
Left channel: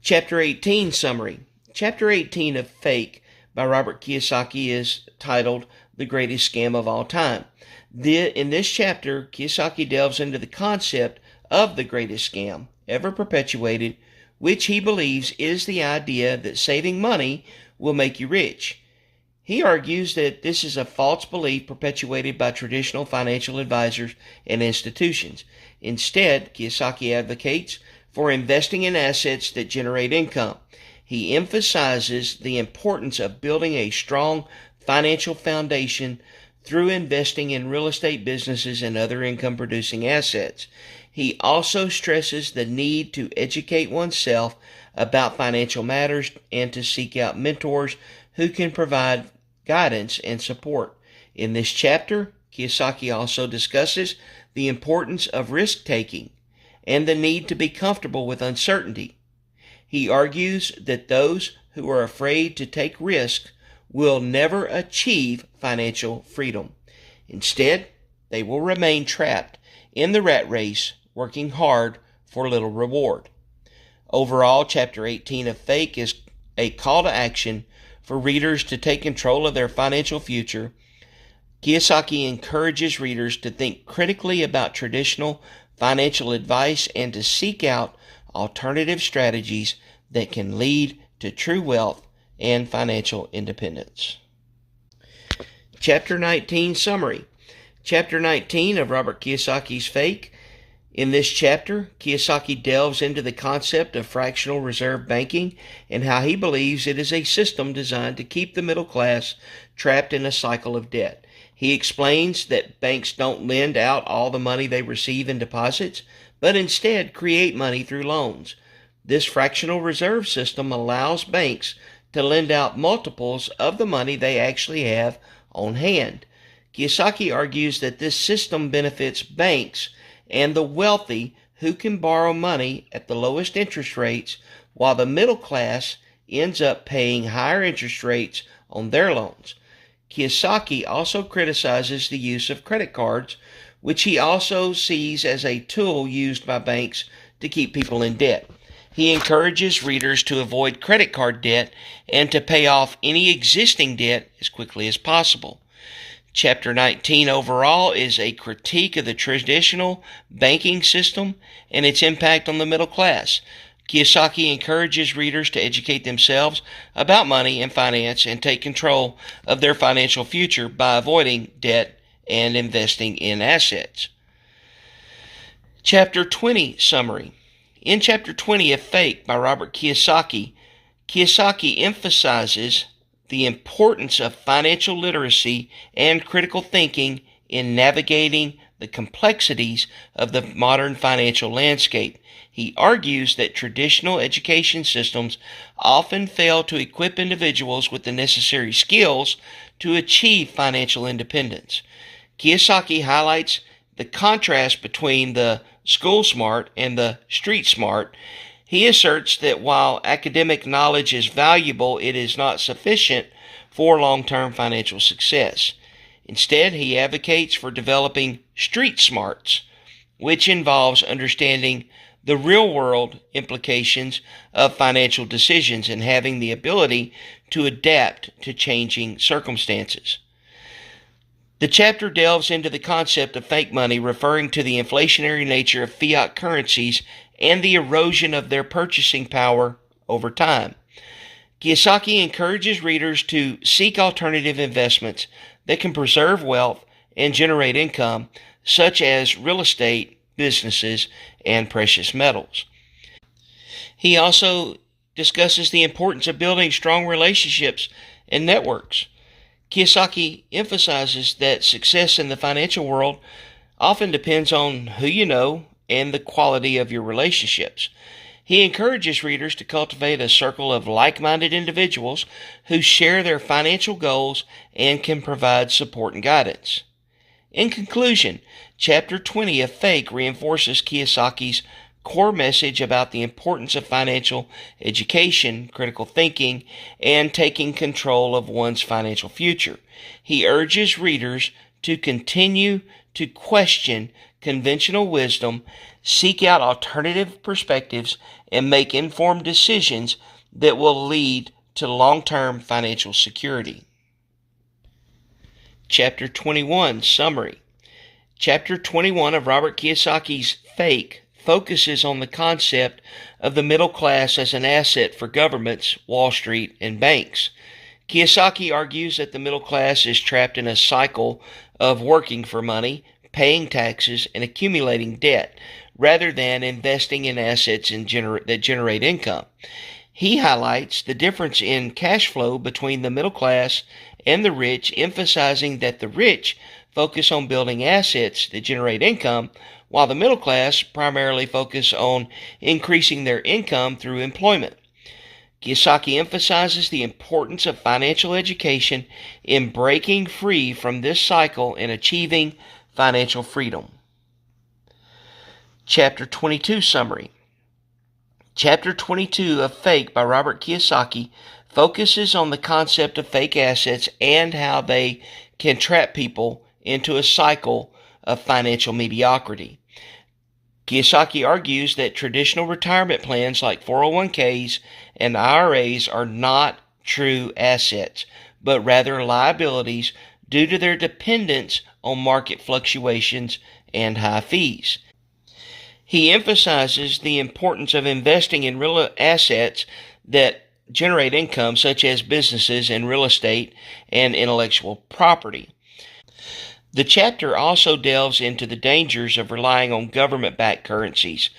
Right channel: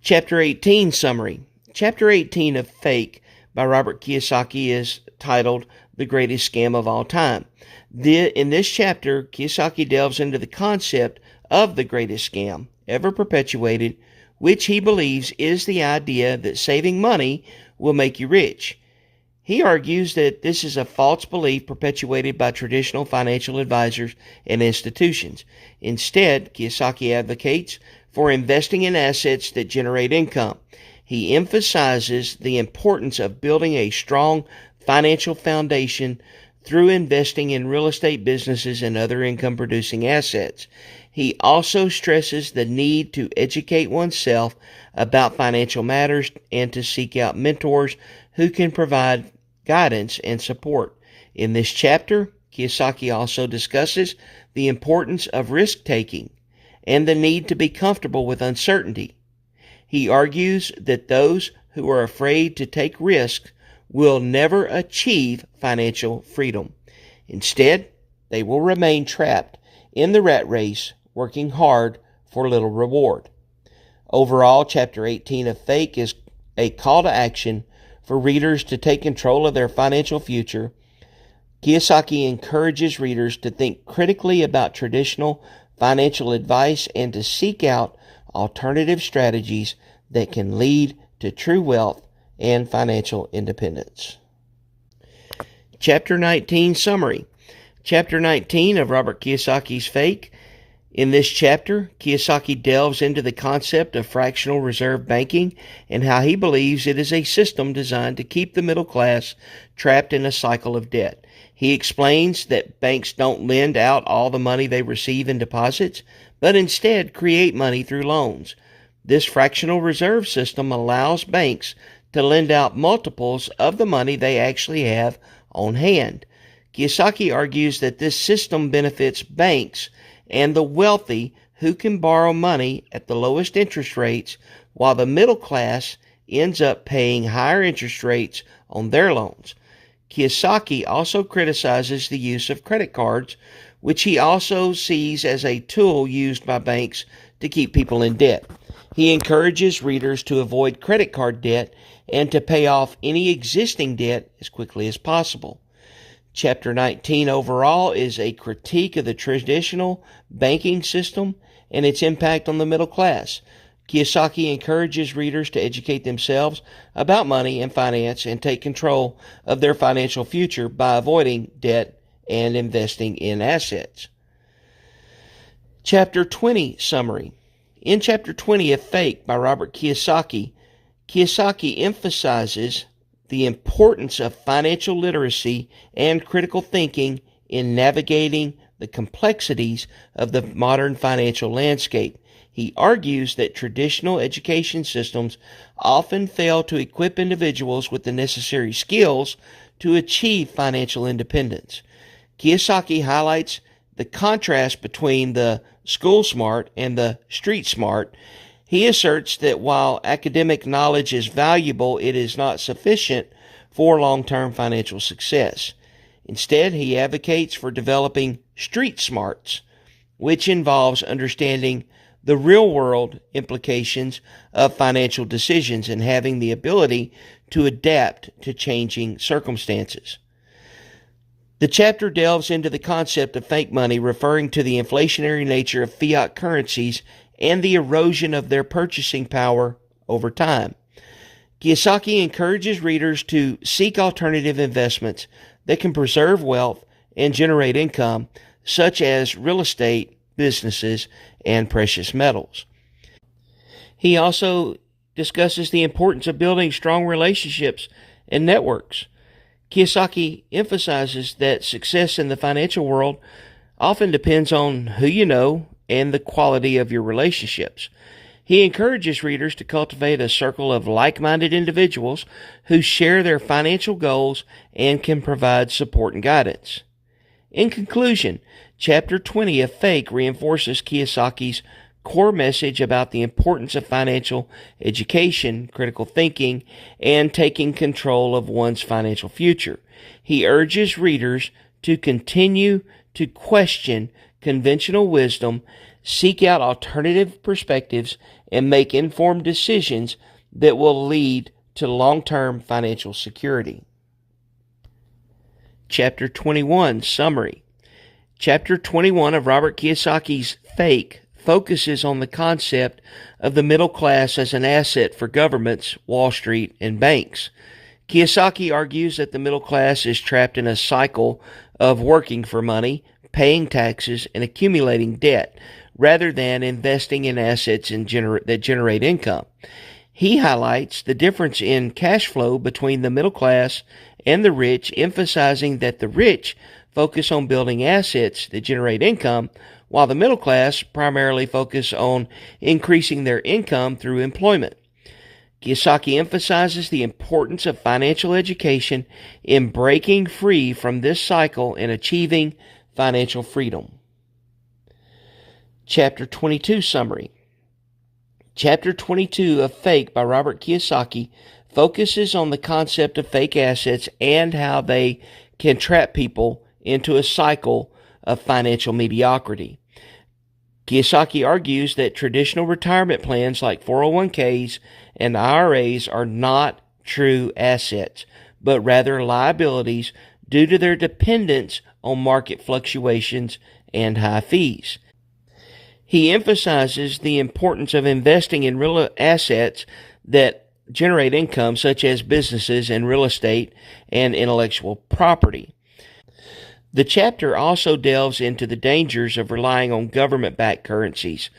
Chapter 18 Summary. Chapter 18 of Fake by Robert Kiyosaki is titled The Greatest Scam of All Time. In this chapter, Kiyosaki delves into the concept of the greatest scam ever perpetuated, which he believes is the idea that saving money will make you rich. He argues that this is a false belief perpetuated by traditional financial advisors and institutions. Instead, Kiyosaki advocates for investing in assets that generate income. He emphasizes the importance of building a strong financial foundation through investing in real estate businesses and other income-producing assets. He also stresses the need to educate oneself about financial matters and to seek out mentors who can provide guidance and support. In this chapter, Kiyosaki also discusses the importance of risk-taking and the need to be comfortable with uncertainty. He argues that those who are afraid to take risks will never achieve financial freedom. Instead, they will remain trapped in the rat race, working hard for little reward. Overall, Chapter 18 of Fake is a call to action for readers to take control of their financial future. Kiyosaki encourages readers to think critically about traditional financial advice and to seek out alternative strategies that can lead to true wealth and financial independence. Chapter 19 Summary. Chapter 19 of Robert Kiyosaki's Fake. In this chapter, Kiyosaki delves into the concept of fractional reserve banking and how he believes it is a system designed to keep the middle class trapped in a cycle of debt. He explains that banks don't lend out all the money they receive in deposits, but instead create money through loans. This fractional reserve system allows banks to lend out multiples of the money they actually have on hand. Kiyosaki argues that this system benefits banks and the wealthy who can borrow money at the lowest interest rates, while the middle class ends up paying higher interest rates on their loans. Kiyosaki also criticizes the use of credit cards, which he also sees as a tool used by banks to keep people in debt. He encourages readers to avoid credit card debt and to pay off any existing debt as quickly as possible. Chapter 19 overall is a critique of the traditional banking system and its impact on the middle class. Kiyosaki encourages readers to educate themselves about money and finance and take control of their financial future by avoiding debt and investing in assets. Chapter 20 Summary. In Chapter 20 of Fake by Robert Kiyosaki, Kiyosaki emphasizes the importance of financial literacy and critical thinking in navigating the complexities of the modern financial landscape. He argues that traditional education systems often fail to equip individuals with the necessary skills to achieve financial independence. Kiyosaki highlights the contrast between the school smart and the street smart. He asserts that while academic knowledge is valuable, it is not sufficient for long-term financial success. Instead, he advocates for developing street smarts, which involves understanding the real-world implications of financial decisions and having the ability to adapt to changing circumstances. The chapter delves into the concept of fake money, referring to the inflationary nature of fiat currencies and the erosion of their purchasing power over time. Kiyosaki encourages readers to seek alternative investments that can preserve wealth and generate income, such as real estate, businesses, and precious metals. He also discusses the importance of building strong relationships and networks. Kiyosaki emphasizes that success in the financial world often depends on who you know and the quality of your relationships. He encourages readers to cultivate a circle of like-minded individuals who share their financial goals and can provide support and guidance. In conclusion, Chapter 20 of Fake reinforces Kiyosaki's core message about the importance of financial education, critical thinking, and taking control of one's financial future. He urges readers to continue to question conventional wisdom, seek out alternative perspectives, and make informed decisions that will lead to long-term financial security. Chapter 21, Summary. Chapter 21 of Robert Kiyosaki's Fake focuses on the concept of the middle class as an asset for governments, Wall Street, and banks. Kiyosaki argues that the middle class is trapped in a cycle of working for money, paying taxes, and accumulating debt, rather than investing in assets that generate income. He highlights the difference in cash flow between the middle class and the rich, emphasizing that the rich focus on building assets that generate income, while the middle class primarily focus on increasing their income through employment. Kiyosaki emphasizes the importance of financial education in breaking free from this cycle and achieving financial freedom. Chapter 22 Summary. Chapter 22 of Fake by Robert Kiyosaki focuses on the concept of fake assets and how they can trap people into a cycle of financial mediocrity. Kiyosaki argues that traditional retirement plans like 401ks and IRAs are not true assets, but rather liabilities due to their dependence on market fluctuations and high fees. He emphasizes the importance of investing in real assets that generate income, such as businesses and real estate and intellectual property. The chapter also delves into the dangers of relying on government-backed currencies,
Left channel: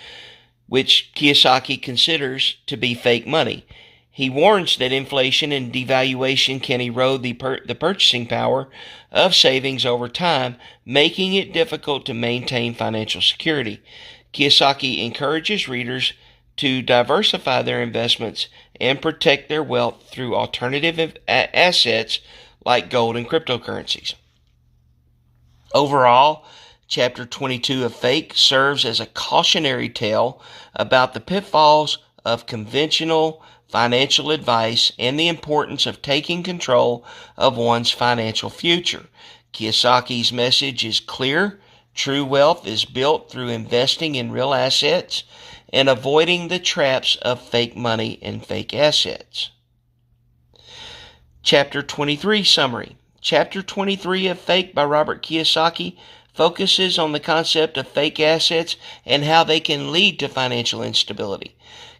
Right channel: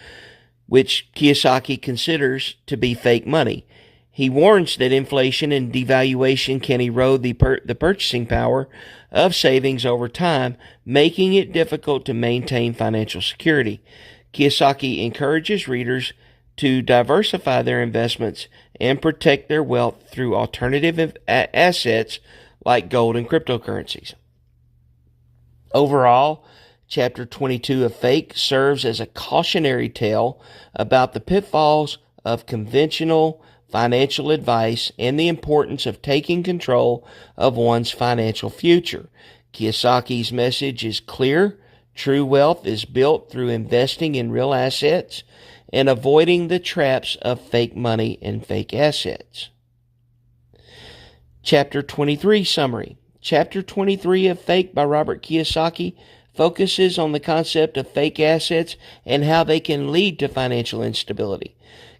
which Kiyosaki considers to be fake money. He warns that inflation and devaluation can erode the purchasing power of savings over time, making it difficult to maintain financial security. Kiyosaki encourages readers to diversify their investments and protect their wealth through alternative assets like gold and cryptocurrencies. Overall, Chapter 22 of Fake serves as a cautionary tale about the pitfalls of conventional financial advice and the importance of taking control of one's financial future. Kiyosaki's message is clear. True wealth is built through investing in real assets and avoiding the traps of fake money and fake assets. Chapter 23 Summary. Chapter 23 of Fake by Robert Kiyosaki focuses on the concept of fake assets and how they can lead to financial instability.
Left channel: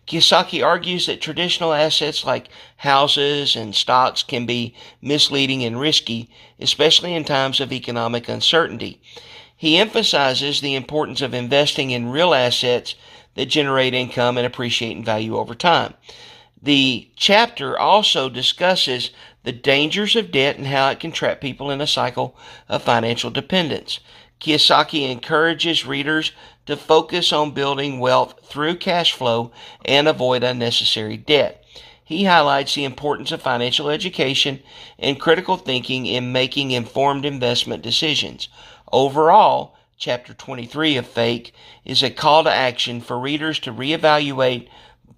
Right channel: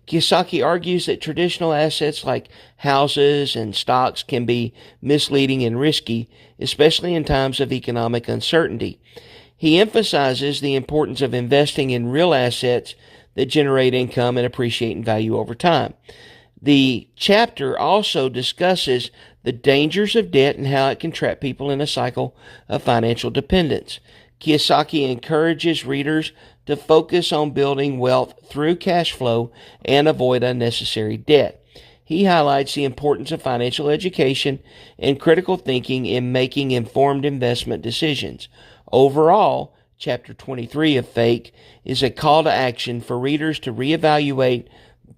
Kiyosaki argues that traditional assets like houses and stocks can be misleading and risky, especially in times of economic uncertainty. He emphasizes the importance of investing in real assets that generate income and appreciate in value over time. The chapter also discusses the dangers of debt and how it can trap people in a cycle of financial dependence. Kiyosaki encourages readers to focus on building wealth through cash flow and avoid unnecessary debt. He highlights the importance of financial education and critical thinking in making informed investment decisions. Overall, Chapter 23 of Fake is a call to action for readers to reevaluate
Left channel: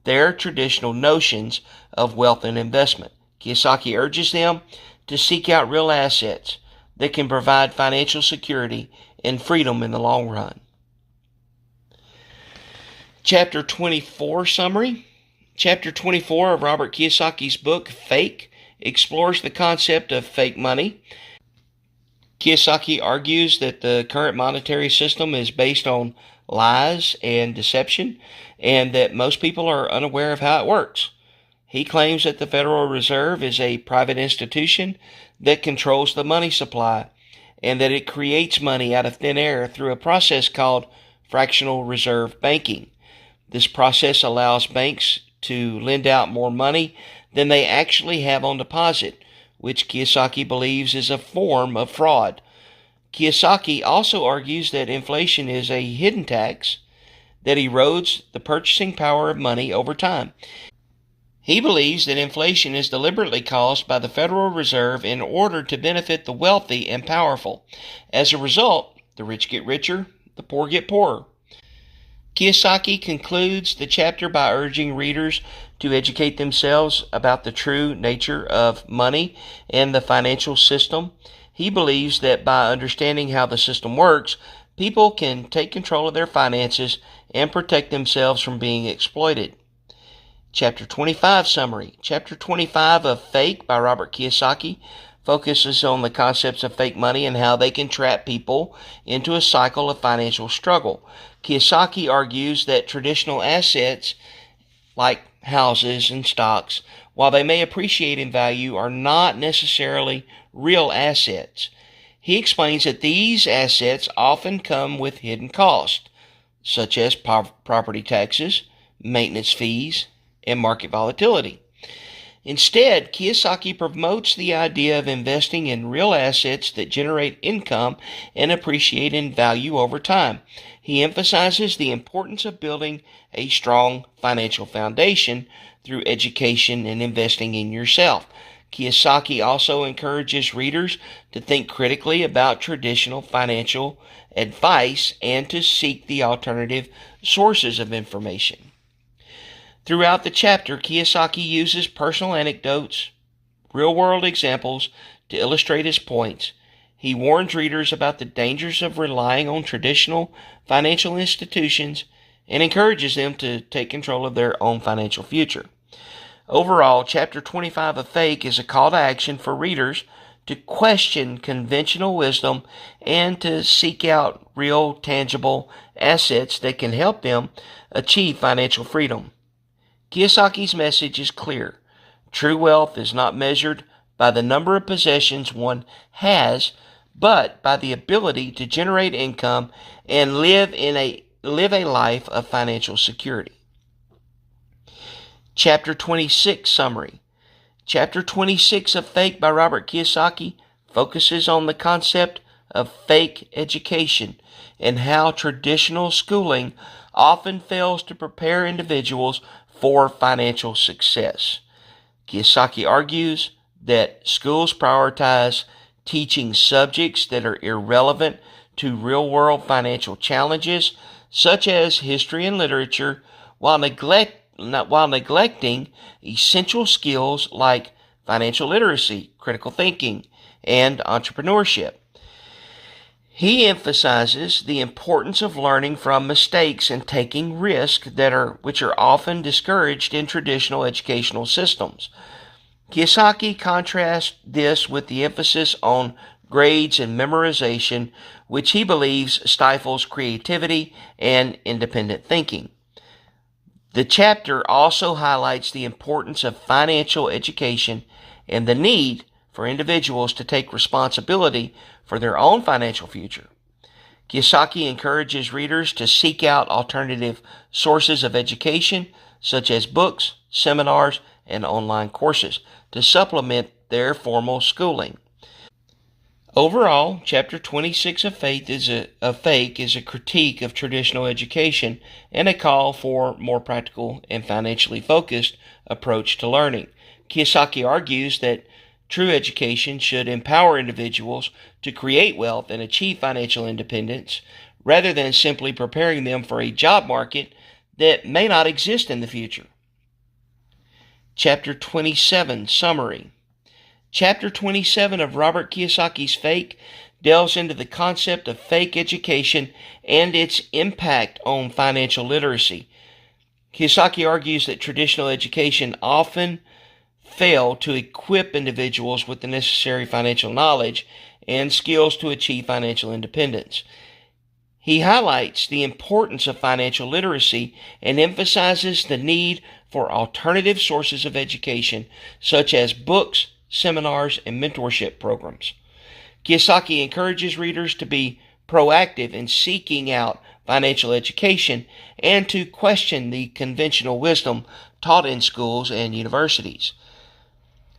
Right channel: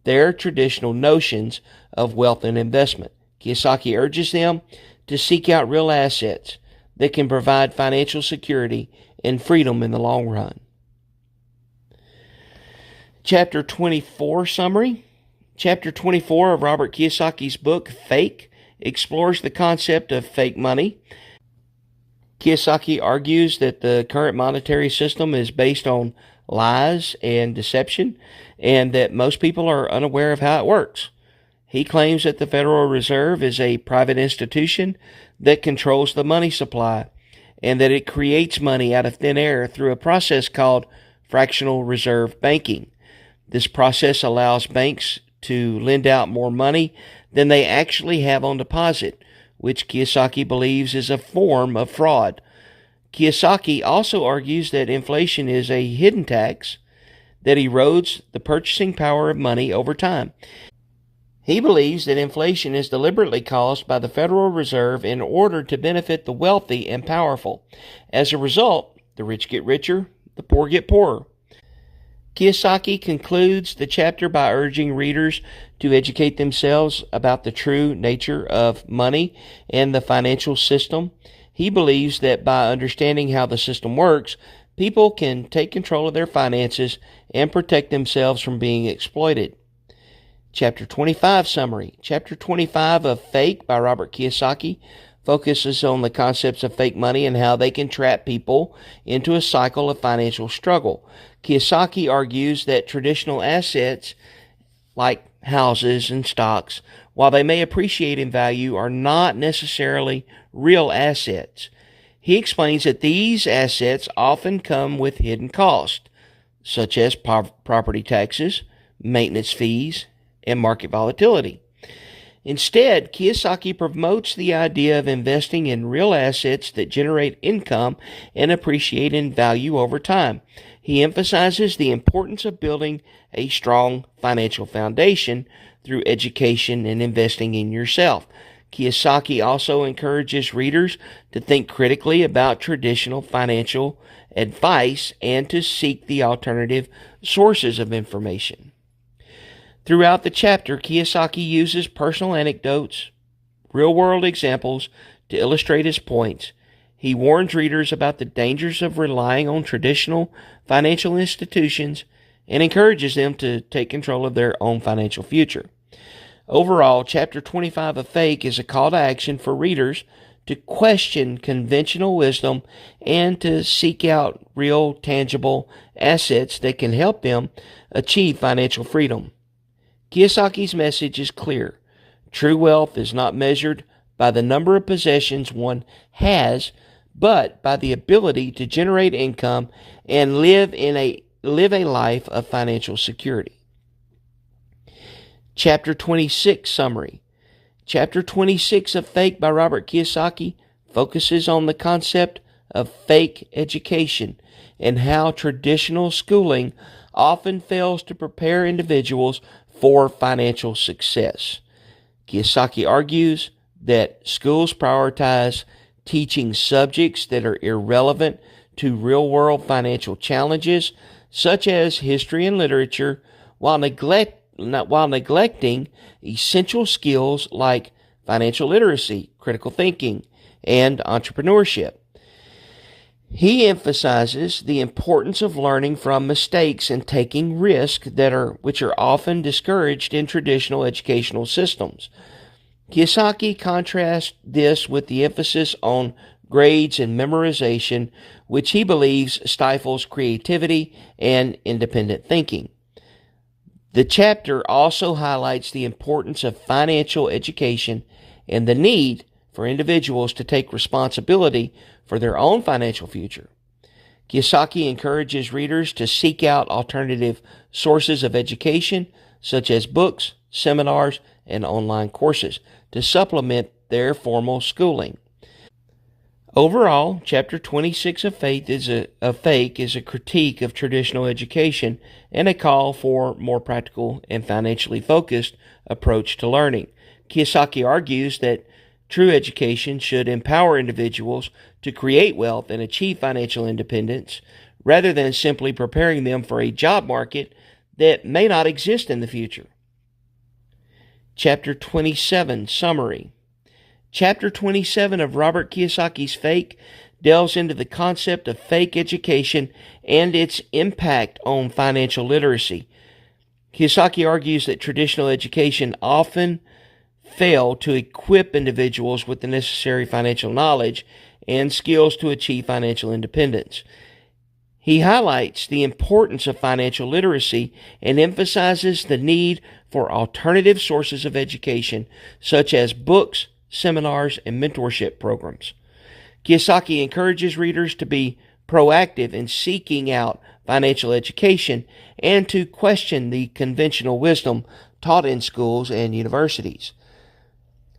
their traditional notions of wealth and investment. Kiyosaki urges them to seek out real assets that can provide financial security and freedom in the long run. Chapter 24 Summary. Chapter 24 of Robert Kiyosaki's book, Fake, explores the concept of fake money. Kiyosaki argues that the current monetary system is based on lies and deception, and that most people are unaware of how it works. He claims that the Federal Reserve is a private institution that controls the money supply, and that it creates money out of thin air through a process called fractional reserve banking. This process allows banks to lend out more money than they actually have on deposit, which Kiyosaki believes is a form of fraud. Kiyosaki also argues that inflation is a hidden tax that erodes the purchasing power of money over time. He believes that inflation is deliberately caused by the Federal Reserve in order to benefit the wealthy and powerful. As a result, the rich get richer, the poor get poorer. Kiyosaki concludes the chapter by urging readers to educate themselves about the true nature of money and the financial system. He believes that by understanding how the system works, people can take control of their finances and protect themselves from being exploited. Chapter 25 summary. Chapter 25 of Fake by Robert Kiyosaki focuses on the concepts of fake money and how they can trap people into a cycle of financial struggle. Kiyosaki argues that traditional assets like houses and stocks, while they may appreciate in value, are not necessarily real assets. He explains that these assets often come with hidden costs, such as property taxes, maintenance fees, and market volatility. Instead, Kiyosaki promotes the idea of investing in real assets that generate income and appreciate in value over time. He emphasizes the importance of building a strong financial foundation through education and investing in yourself. Kiyosaki also encourages readers to think critically about traditional financial advice and to seek the alternative sources of information. Throughout the chapter, Kiyosaki uses personal anecdotes, real-world examples to illustrate his points. He warns readers about the dangers of relying on traditional financial institutions and encourages them to take control of their own financial future. Overall, Chapter 25 of Fake is a call to action for readers to question conventional wisdom and to seek out real, tangible assets that can help them achieve financial freedom. Kiyosaki's message is clear. True wealth is not measured by the number of possessions one has, but by the ability to generate income and live a life of financial security. Chapter 26 summary. Chapter 26 of Fake by Robert Kiyosaki focuses on the concept of fake education and how traditional schooling often fails to prepare individuals for financial success. Kiyosaki argues that schools prioritize teaching subjects that are irrelevant to real-world financial challenges, such as history and literature, while neglecting essential skills like financial literacy, critical thinking, and entrepreneurship. He emphasizes the importance of learning from mistakes and taking risks which are often discouraged in traditional educational systems. Kiyosaki contrasts this with the emphasis on grades and memorization, which he believes stifles creativity and independent thinking. The chapter also highlights the importance of financial education and the need for individuals to take responsibility for their own financial future. Kiyosaki encourages readers to seek out alternative sources of education, such as books, seminars, and online courses, to supplement their formal schooling. Overall, Chapter 26 of Fake is a critique of traditional education and a call for a more practical and financially focused approach to learning. Kiyosaki argues that true education should empower individuals to create wealth and achieve financial independence, rather than simply preparing them for a job market that may not exist in the future. Chapter 27 summary. Chapter 27 of Robert Kiyosaki's Fake delves into the concept of fake education and its impact on financial literacy. Kiyosaki argues that traditional education often fail to equip individuals with the necessary financial knowledge and skills to achieve financial independence. He highlights the importance of financial literacy and emphasizes the need for alternative sources of education, such as books, seminars, and mentorship programs. Kiyosaki encourages readers to be proactive in seeking out financial education and to question the conventional wisdom taught in schools and universities.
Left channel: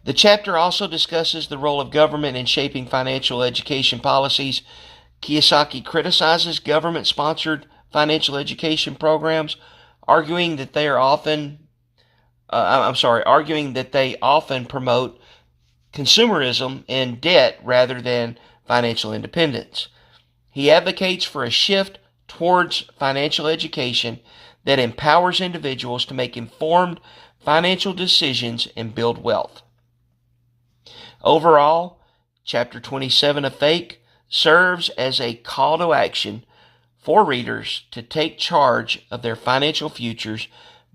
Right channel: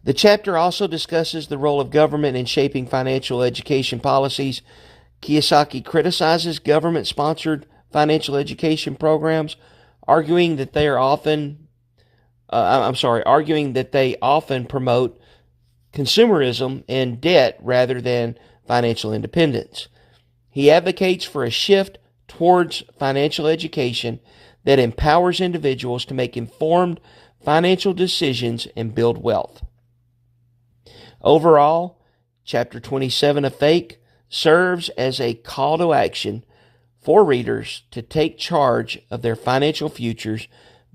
The chapter also discusses the role of government in shaping financial education policies. Kiyosaki criticizes government-sponsored financial education programs, arguing that they often promote consumerism and debt rather than financial independence. He advocates for a shift towards financial education that empowers individuals to make informed financial decisions and build wealth. Overall, Chapter 27 of Fake serves as a call to action for readers to take charge of their financial futures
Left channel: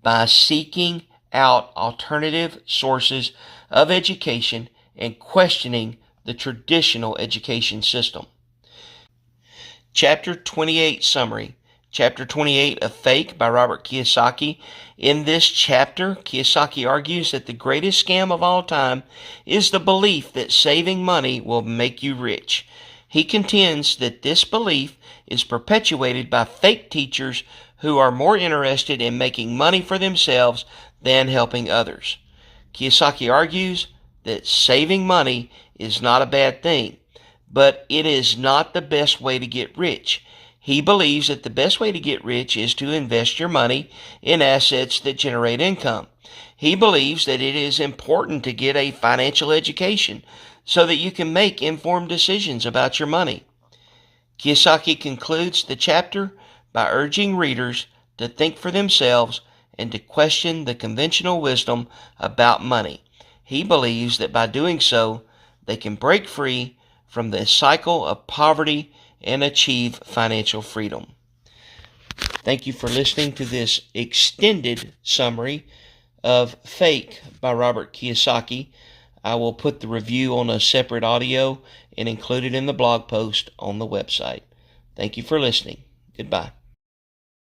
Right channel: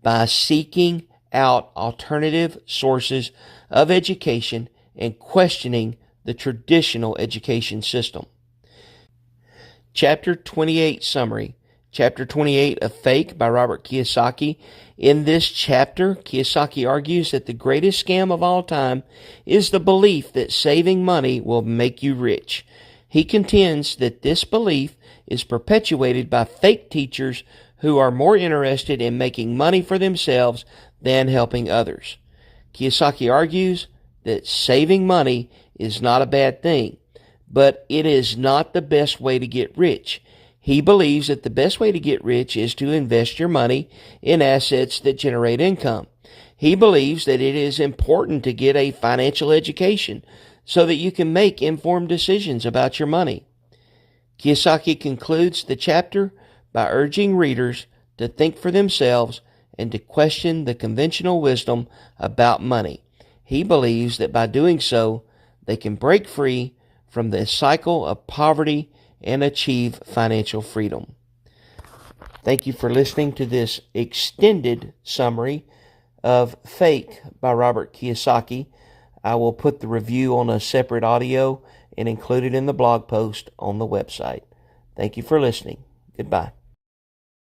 by seeking out alternative sources of education and questioning the traditional education system. Chapter 28 Summary. Chapter 28 of Fake by Robert Kiyosaki. In this chapter, Kiyosaki argues that the greatest scam of all time is the belief that saving money will make you rich. He contends that this belief is perpetuated by fake teachers who are more interested in making money for themselves than helping others. Kiyosaki argues that saving money is not a bad thing, but it is not the best way to get rich. He believes that the best way to get rich is to invest your money in assets that generate income. He believes that it is important to get a financial education so that you can make informed decisions about your money. Kiyosaki concludes the chapter by urging readers to think for themselves and to question the conventional wisdom about money. He believes that by doing so, they can break free from the cycle of poverty and achieve financial freedom. Thank you for listening to this extended summary of Fake by Robert Kiyosaki. I will put the review on a separate audio and include it in the blog post on the website. Thank you for listening. Goodbye.